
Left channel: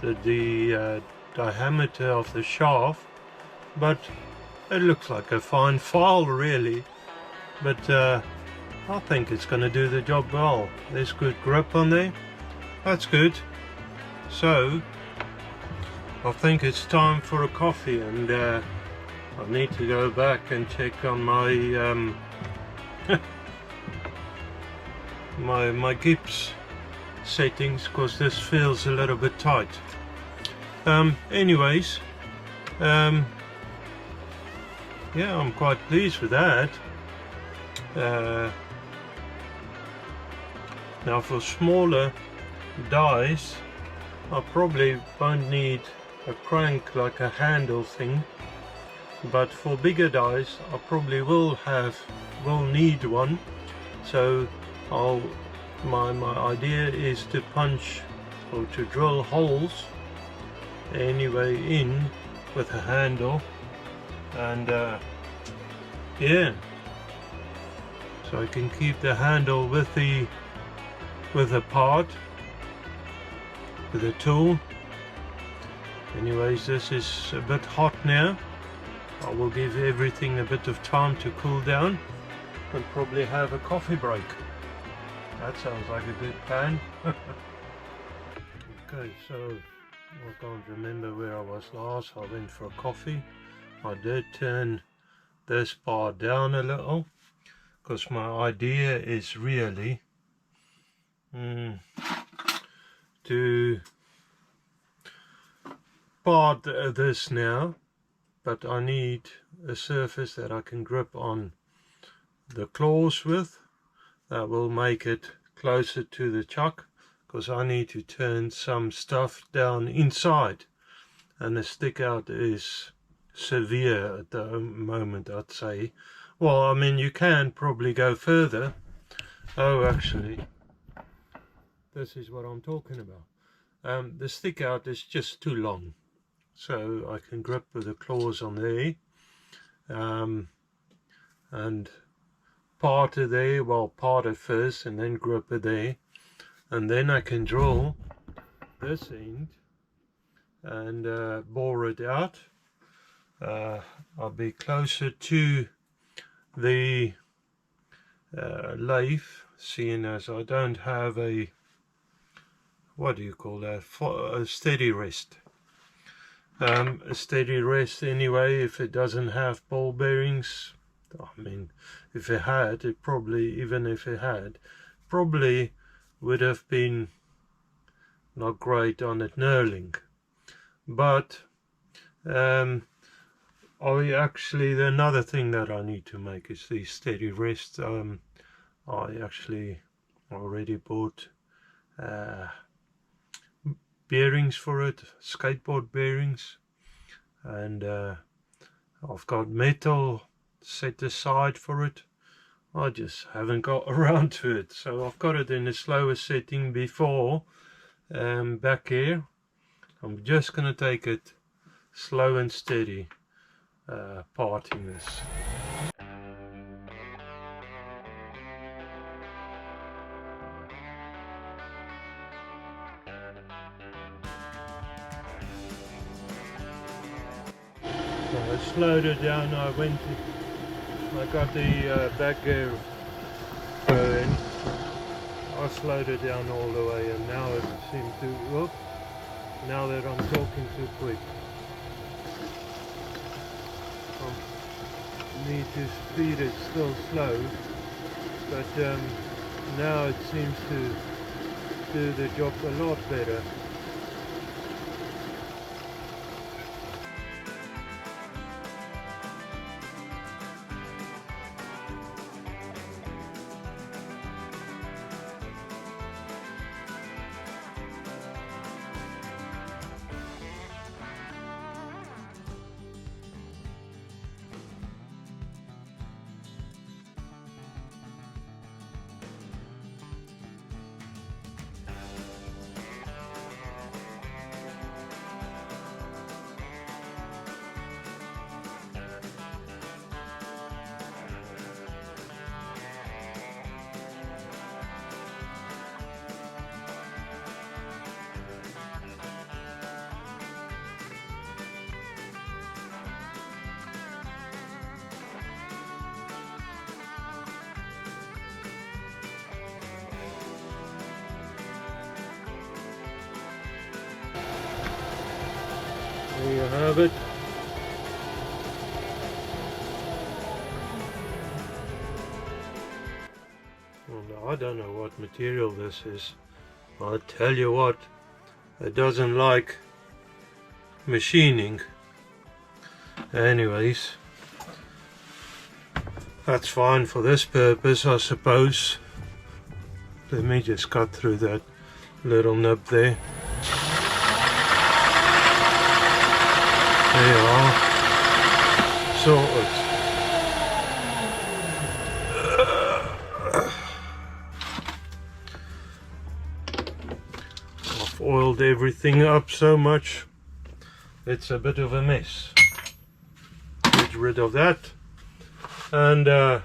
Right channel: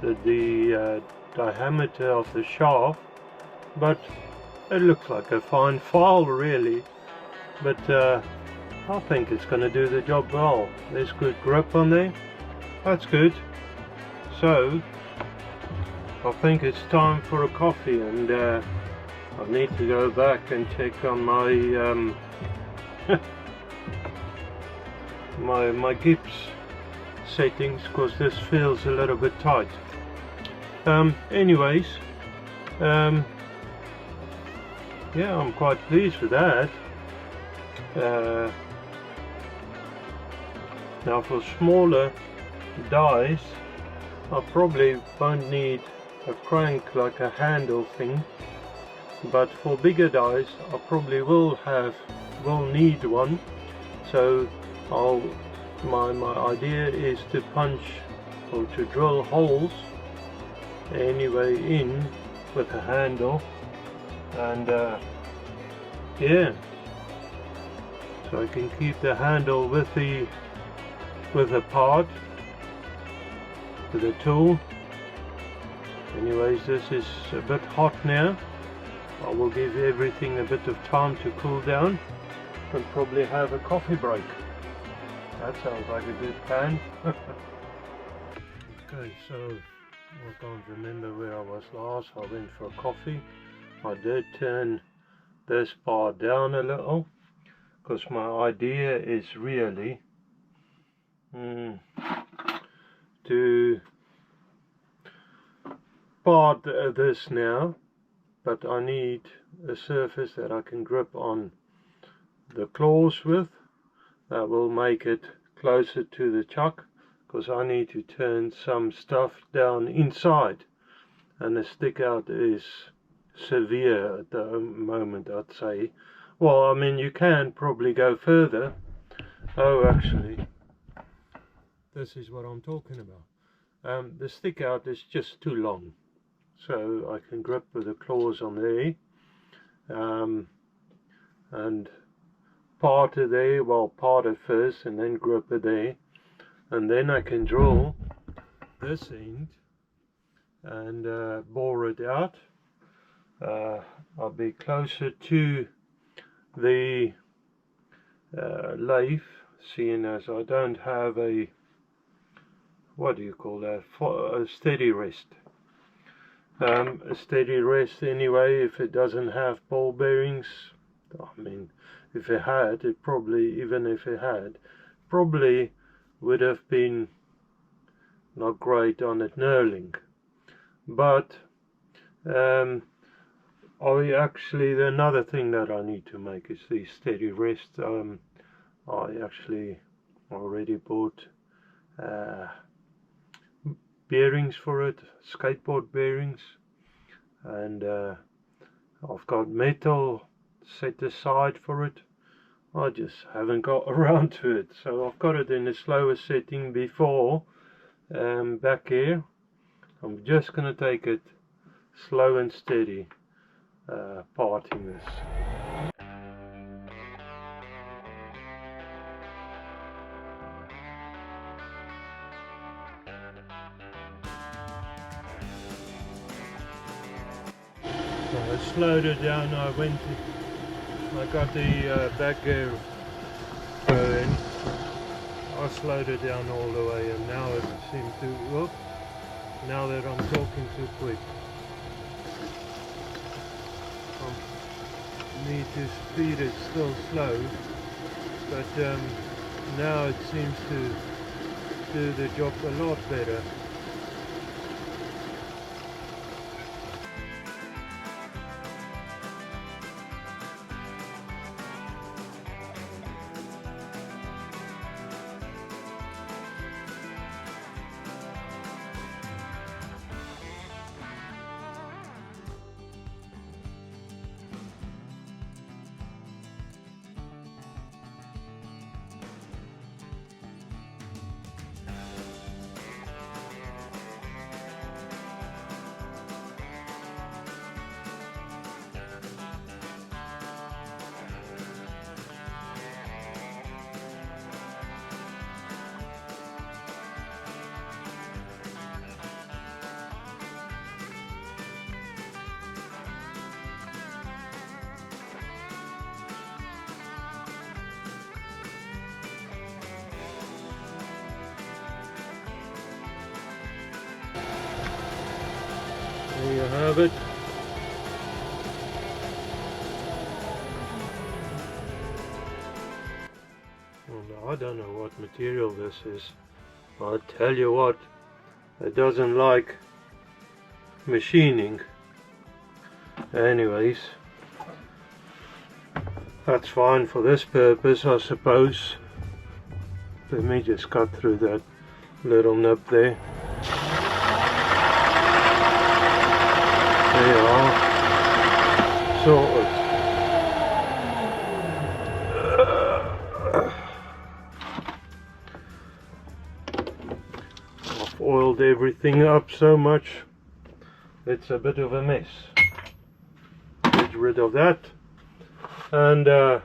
the diameter of the shaft, but it looks like a fine file really. But I think it's going to do the job well. There's good grip on there, that's good. So I think it's time for a coffee, and I need to go back and check on my my Gibbs settings, because this feels a little bit tight. Anyways, yeah, I'm quite pleased with that. Now for smaller dies, I probably won't need a crank like a handle thing, but for bigger dies I probably will need one. So my idea is to punch or to drill holes anyway in with a handle, and yeah, so I can keep the handle with the part, with the tool. Anyways, this is a bit hot now. I will give everything a bit of time to cool down and probably have a coffee break. That sounds like a good plan. Okay, so I can't remember where I was last. I went for a coffee. I did turn this part down a little, because my idea is really to part this now, but I need a surface that I can grip on the claws with. That will make it closer to the chuck, because I need to turn some stuff down inside, and the stick out is severe at the moment, I'd say. Well, I mean, you can probably go further. Oh, actually, this is what I'm talking about. The stick out is just too long, so I can grip with the claws on there, and part it there, well, part it first and then grip it there, and then I can drill this end and bore it out. I'll be closer to the lathe, seeing as I don't have a, what do you call that, a steady rest. A steady rest anyway, if it doesn't have ball bearings, I mean, if it had, it probably, even if it had, probably would have been not great on at Nerling. But I actually, another thing that I need to make is the steady rest. I actually already bought bearings for it, skateboard bearings, and I've got metal set aside for it. I just haven't got around to it, so I've got it in a slower setting before back here. I'm just gonna take it slow and steady, parting this. So I slowed it down. I got the back gear going. I slowed it down all the way, and now it seems to, whoop, now that I'm talking too quick, I need to speed it still slow, but now it seems to do the job a lot better. There you have it. Well, I don't know what material this is. I'll tell you what, it doesn't like machining. Anyways, that's fine for this purpose, I suppose. Let me just cut through that little nub there. There you are. Sorted. I've oiled everything up so much, it's a bit of a mess. Get rid of that. And now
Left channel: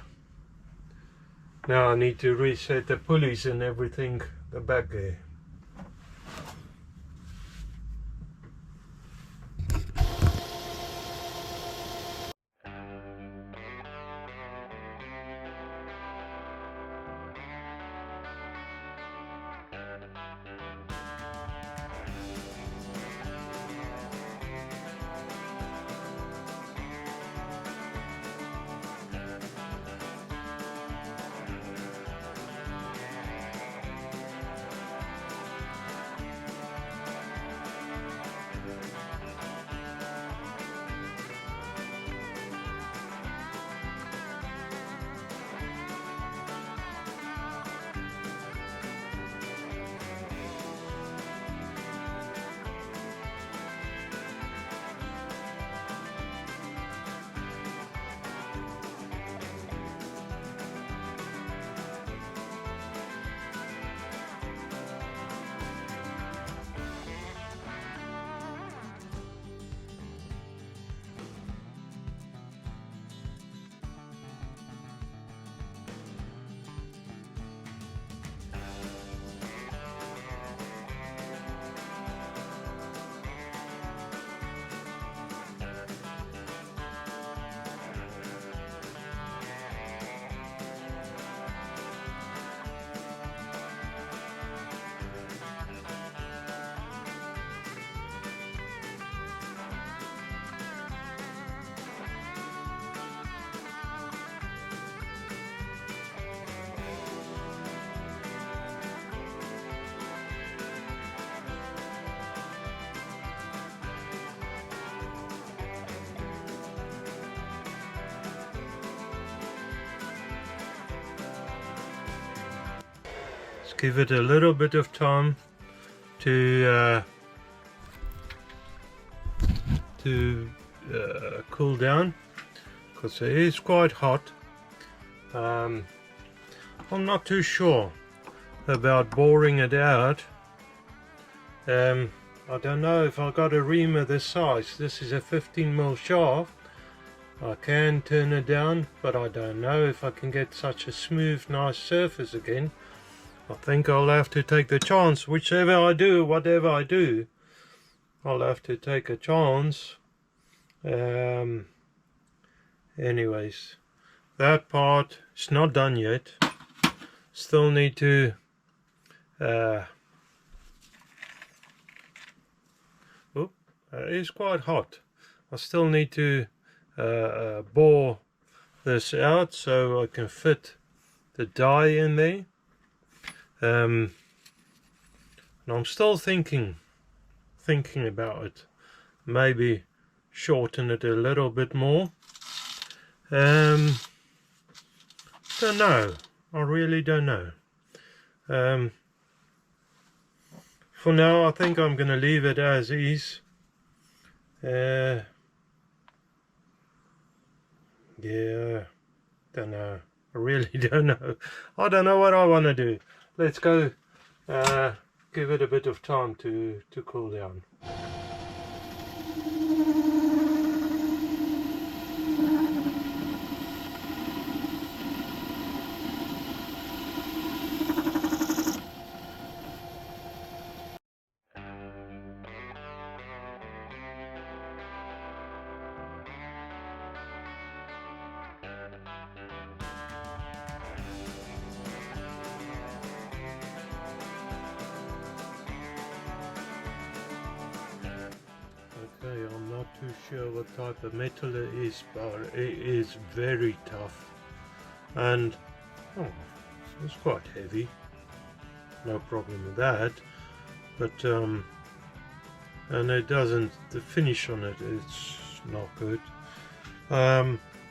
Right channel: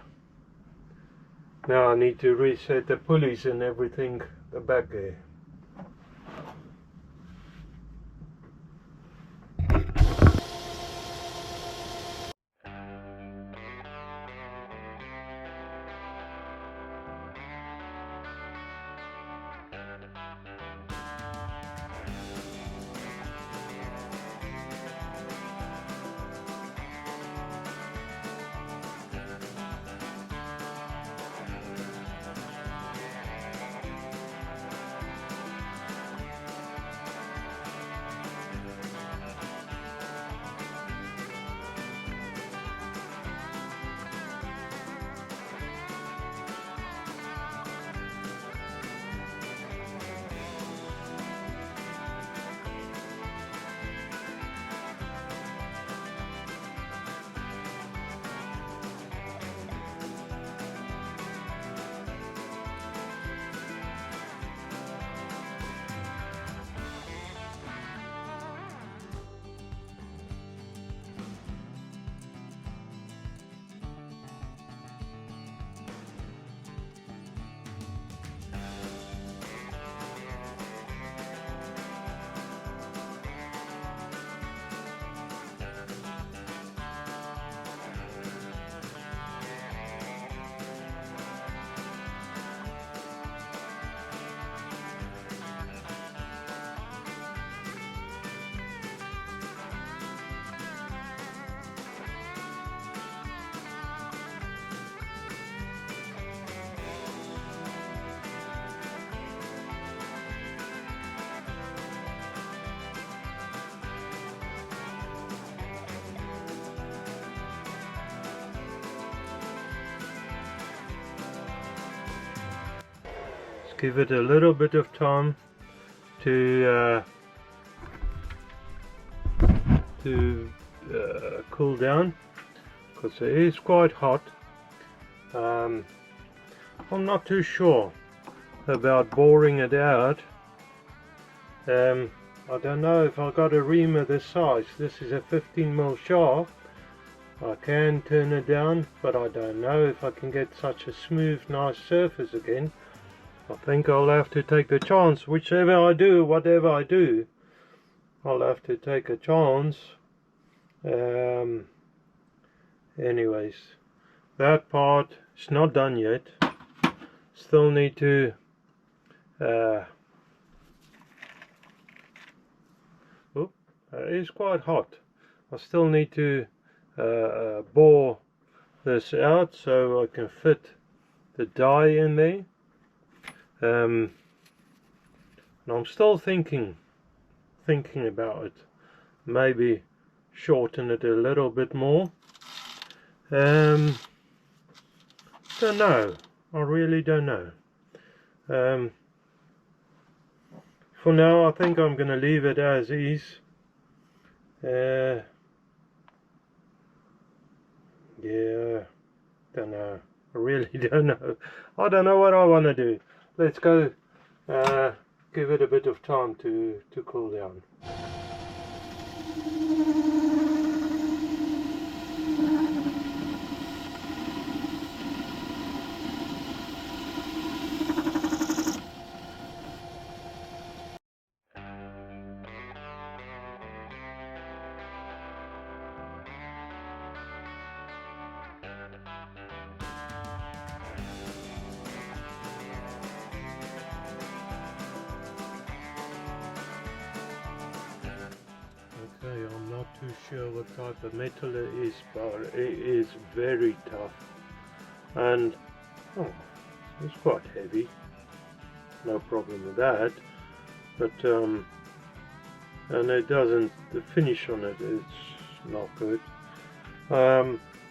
I need to reset the pulleys and everything, the back gear. Let's give it a little bit of time to cool down, because it is quite hot. I'm not too sure about boring it out. I don't know if I got a reamer this size. This is a 15mm shaft. I can turn it down, but I don't know if I can get such a smooth, nice surface again. I think I'll have to take the chance. Whichever I do, whatever I do, I'll have to take a chance. Anyways, that part is not done yet. Still need to it is quite hot. I still need to bore this out so I can fit the die in there. And I'm still thinking about it. Maybe shorten it a little bit more. Don't know. I really don't know. For now, I think I'm gonna leave it as is. Yeah, don't know. I really don't know. I don't know what I want to do. Let's go give it a bit of time to cool down. Okay, I'm not too sure what type of metal it is, but it is very tough, and it's quite heavy. No problem with that, but and it doesn't, the finish on it is not good.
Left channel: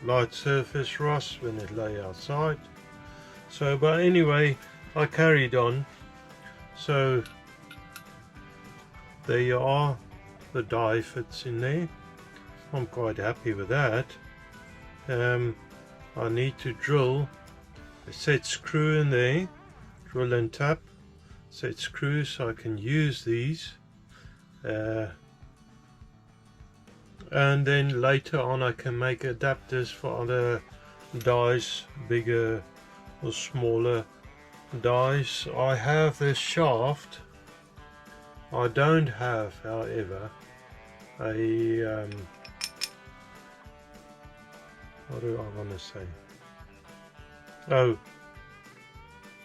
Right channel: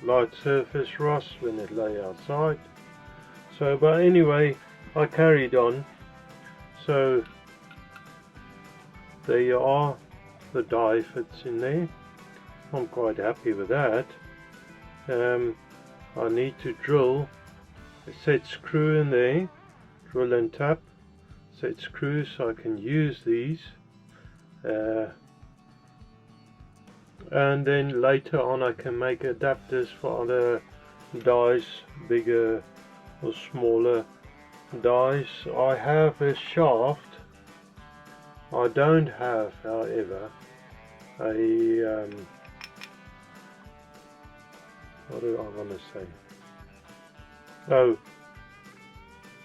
Light surface rust when it lay outside. So, but anyway, I carried on. So there you are. The die fits in there. I'm quite happy with that. I need to drill a set screw in there, drill and tap set screws so I can use these, and then later on I can make adapters for other dies, bigger or smaller dies. I have this shaft. I don't have, however, a what do I want to say? Oh,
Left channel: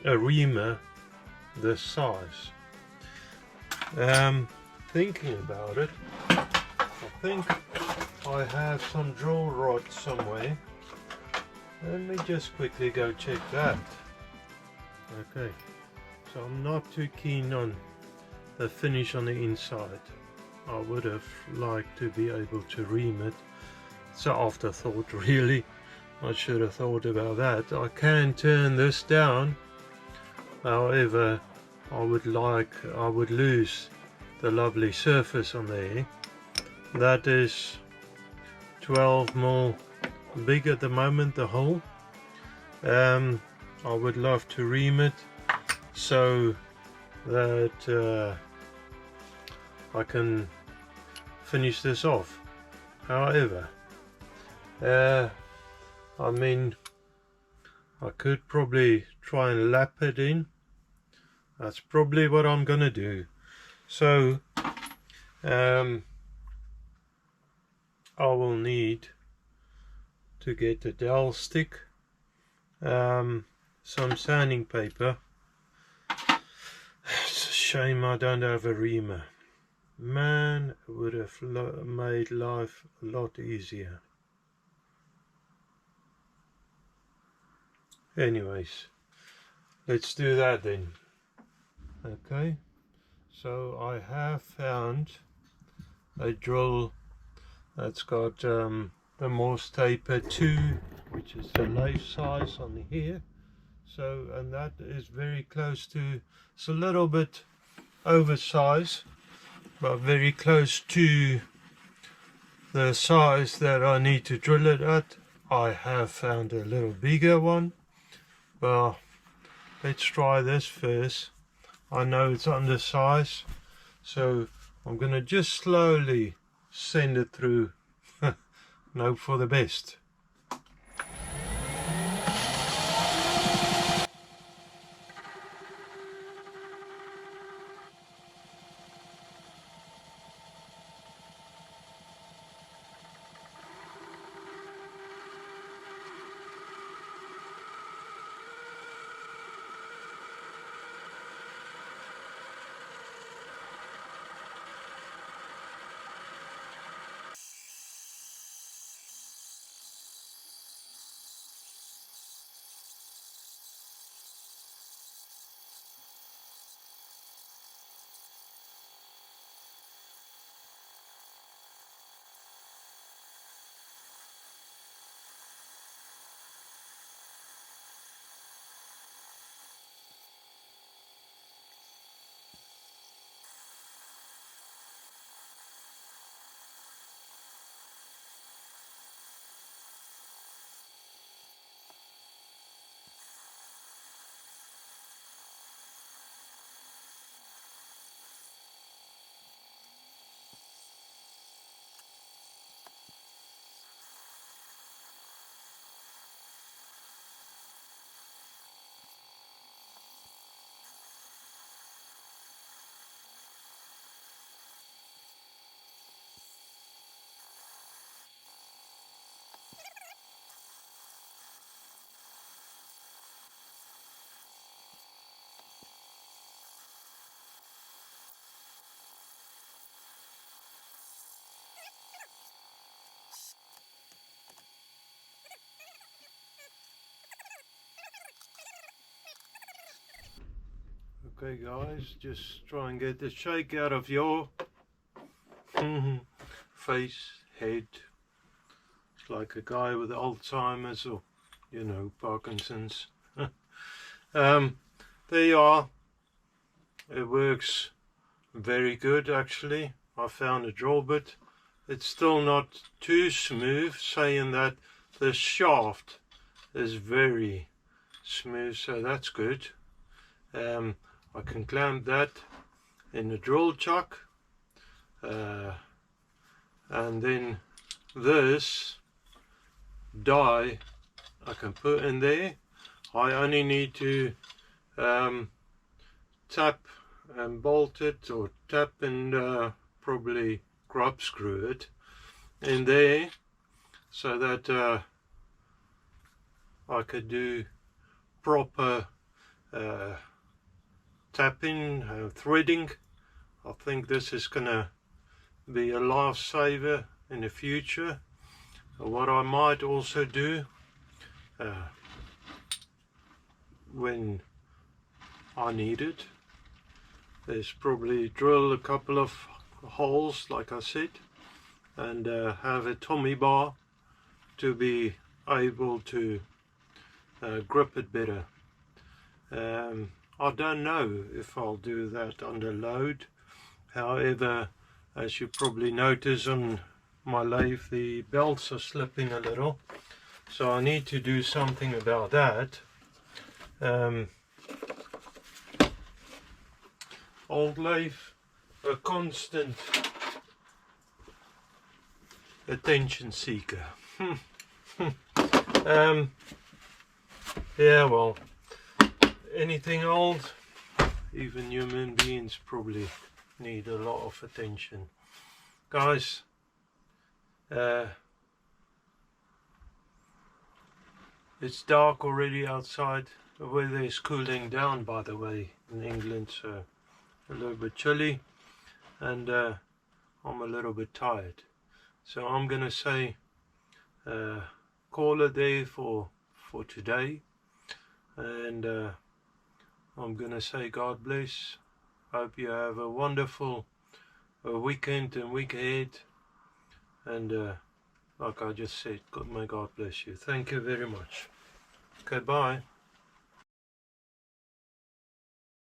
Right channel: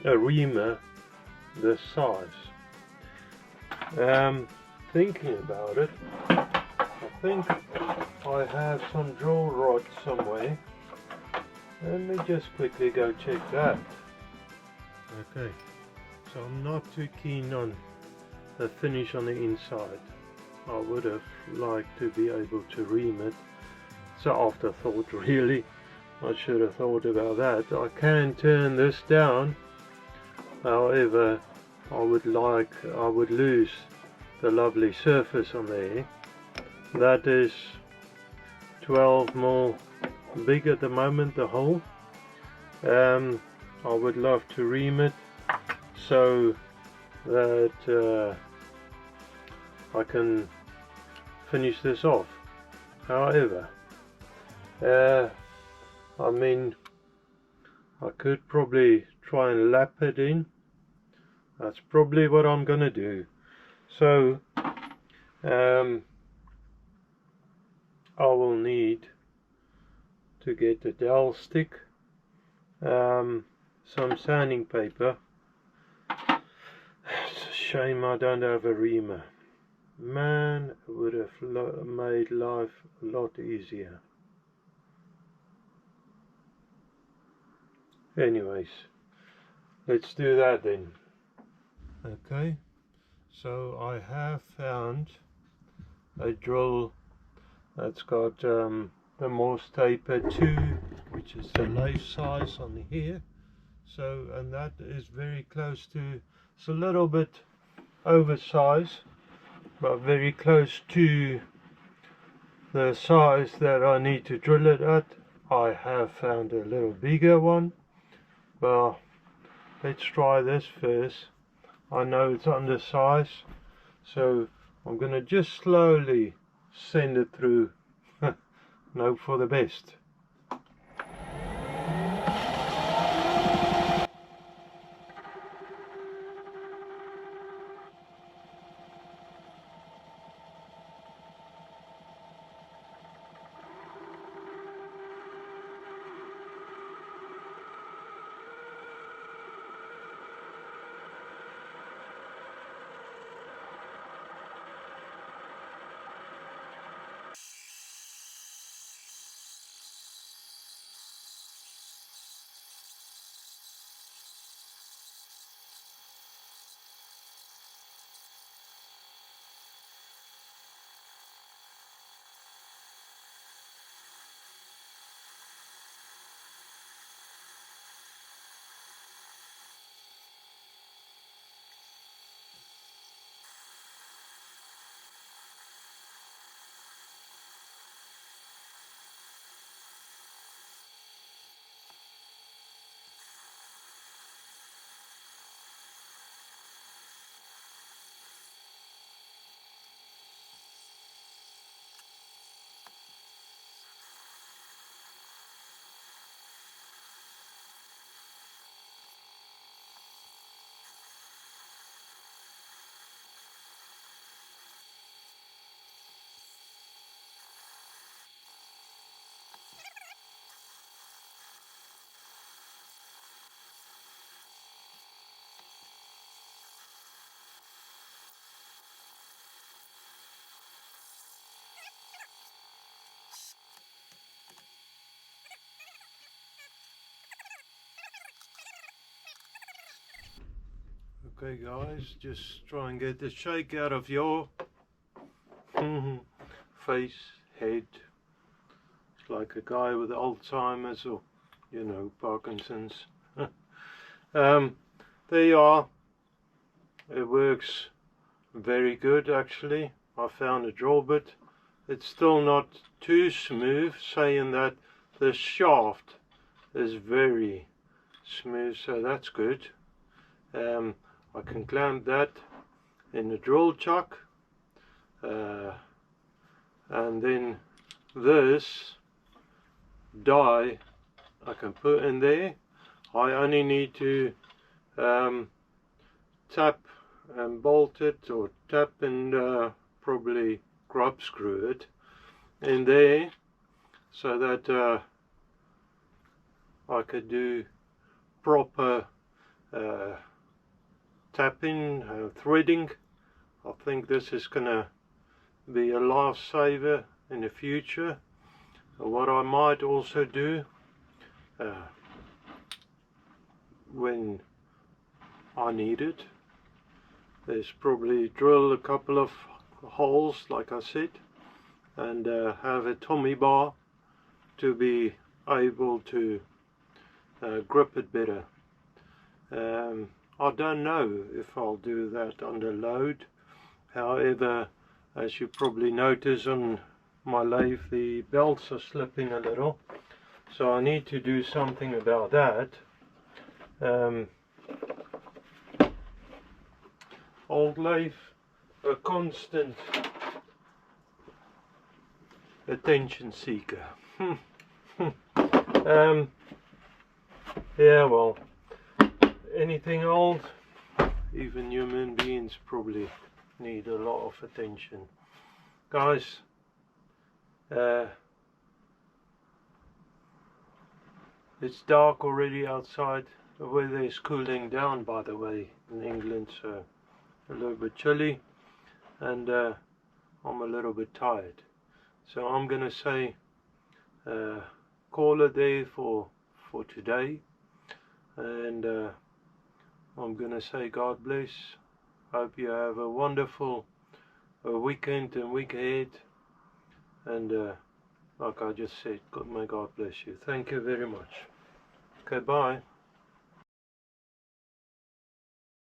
a reamer this size. Thinking about it, I think I have some drill rods somewhere. Let me just quickly go check that. Okay, so I'm not too keen on the finish on the inside. I would have liked to be able to ream it. It's an afterthought, really. I should have thought about that. I can turn this down. However, I would lose the lovely surface on there. That is 12mm big at the moment, the hole. I would love to ream it so that I can finish this off. However, I mean, I could probably try and lap it in. That's probably what I'm gonna do. So I will need to get a dowel stick, some sanding paper. It's a shame I don't have a reamer. Man, it would have made life a lot easier. Anyways, let's do that then. Okay, so I have found a drill that's got the Morse taper 2, which is the lathe size on here, So, and that is very close to, it's a little bit oversized, but very close to the size that I need to drill it at. I have found a little bigger one. Well, let's try this first. I know it's undersized, so I'm gonna just slowly send it through and hope for the best. Okay guys, just try and get the shake out of your face, head. It's like a guy with Alzheimer's or, you know, Parkinson's. There you are. It works very good actually. I found a drill bit. It's still not too smooth, saying that the shaft is very smooth, so that's good. I can clamp that in the drill chuck, and then this die I can put in there. I only need to tap and bolt it, or tap and probably grub screw it in there, so that I could do proper tapping, threading. I think this is gonna be a lifesaver in the future. What I might also do when I need it is probably drill a couple of holes like I said, and have a Tommy bar to be able to grip it better. I don't know if I'll do that under load. However, as you probably notice on my lathe, the belts are slipping a little, so I need to do something about that. Old lathe, a constant attention seeker. Yeah, well, anything old, even human beings probably need a lot of attention. Guys, it's dark already outside. The weather is cooling down, by the way, in England, so a little bit chilly, and I'm a little bit tired. So I'm gonna say call it there for today, and I'm gonna say God bless. Hope you have a wonderful weekend and week ahead, and like I just said, may God bless you. Thank you very much. Okay, bye.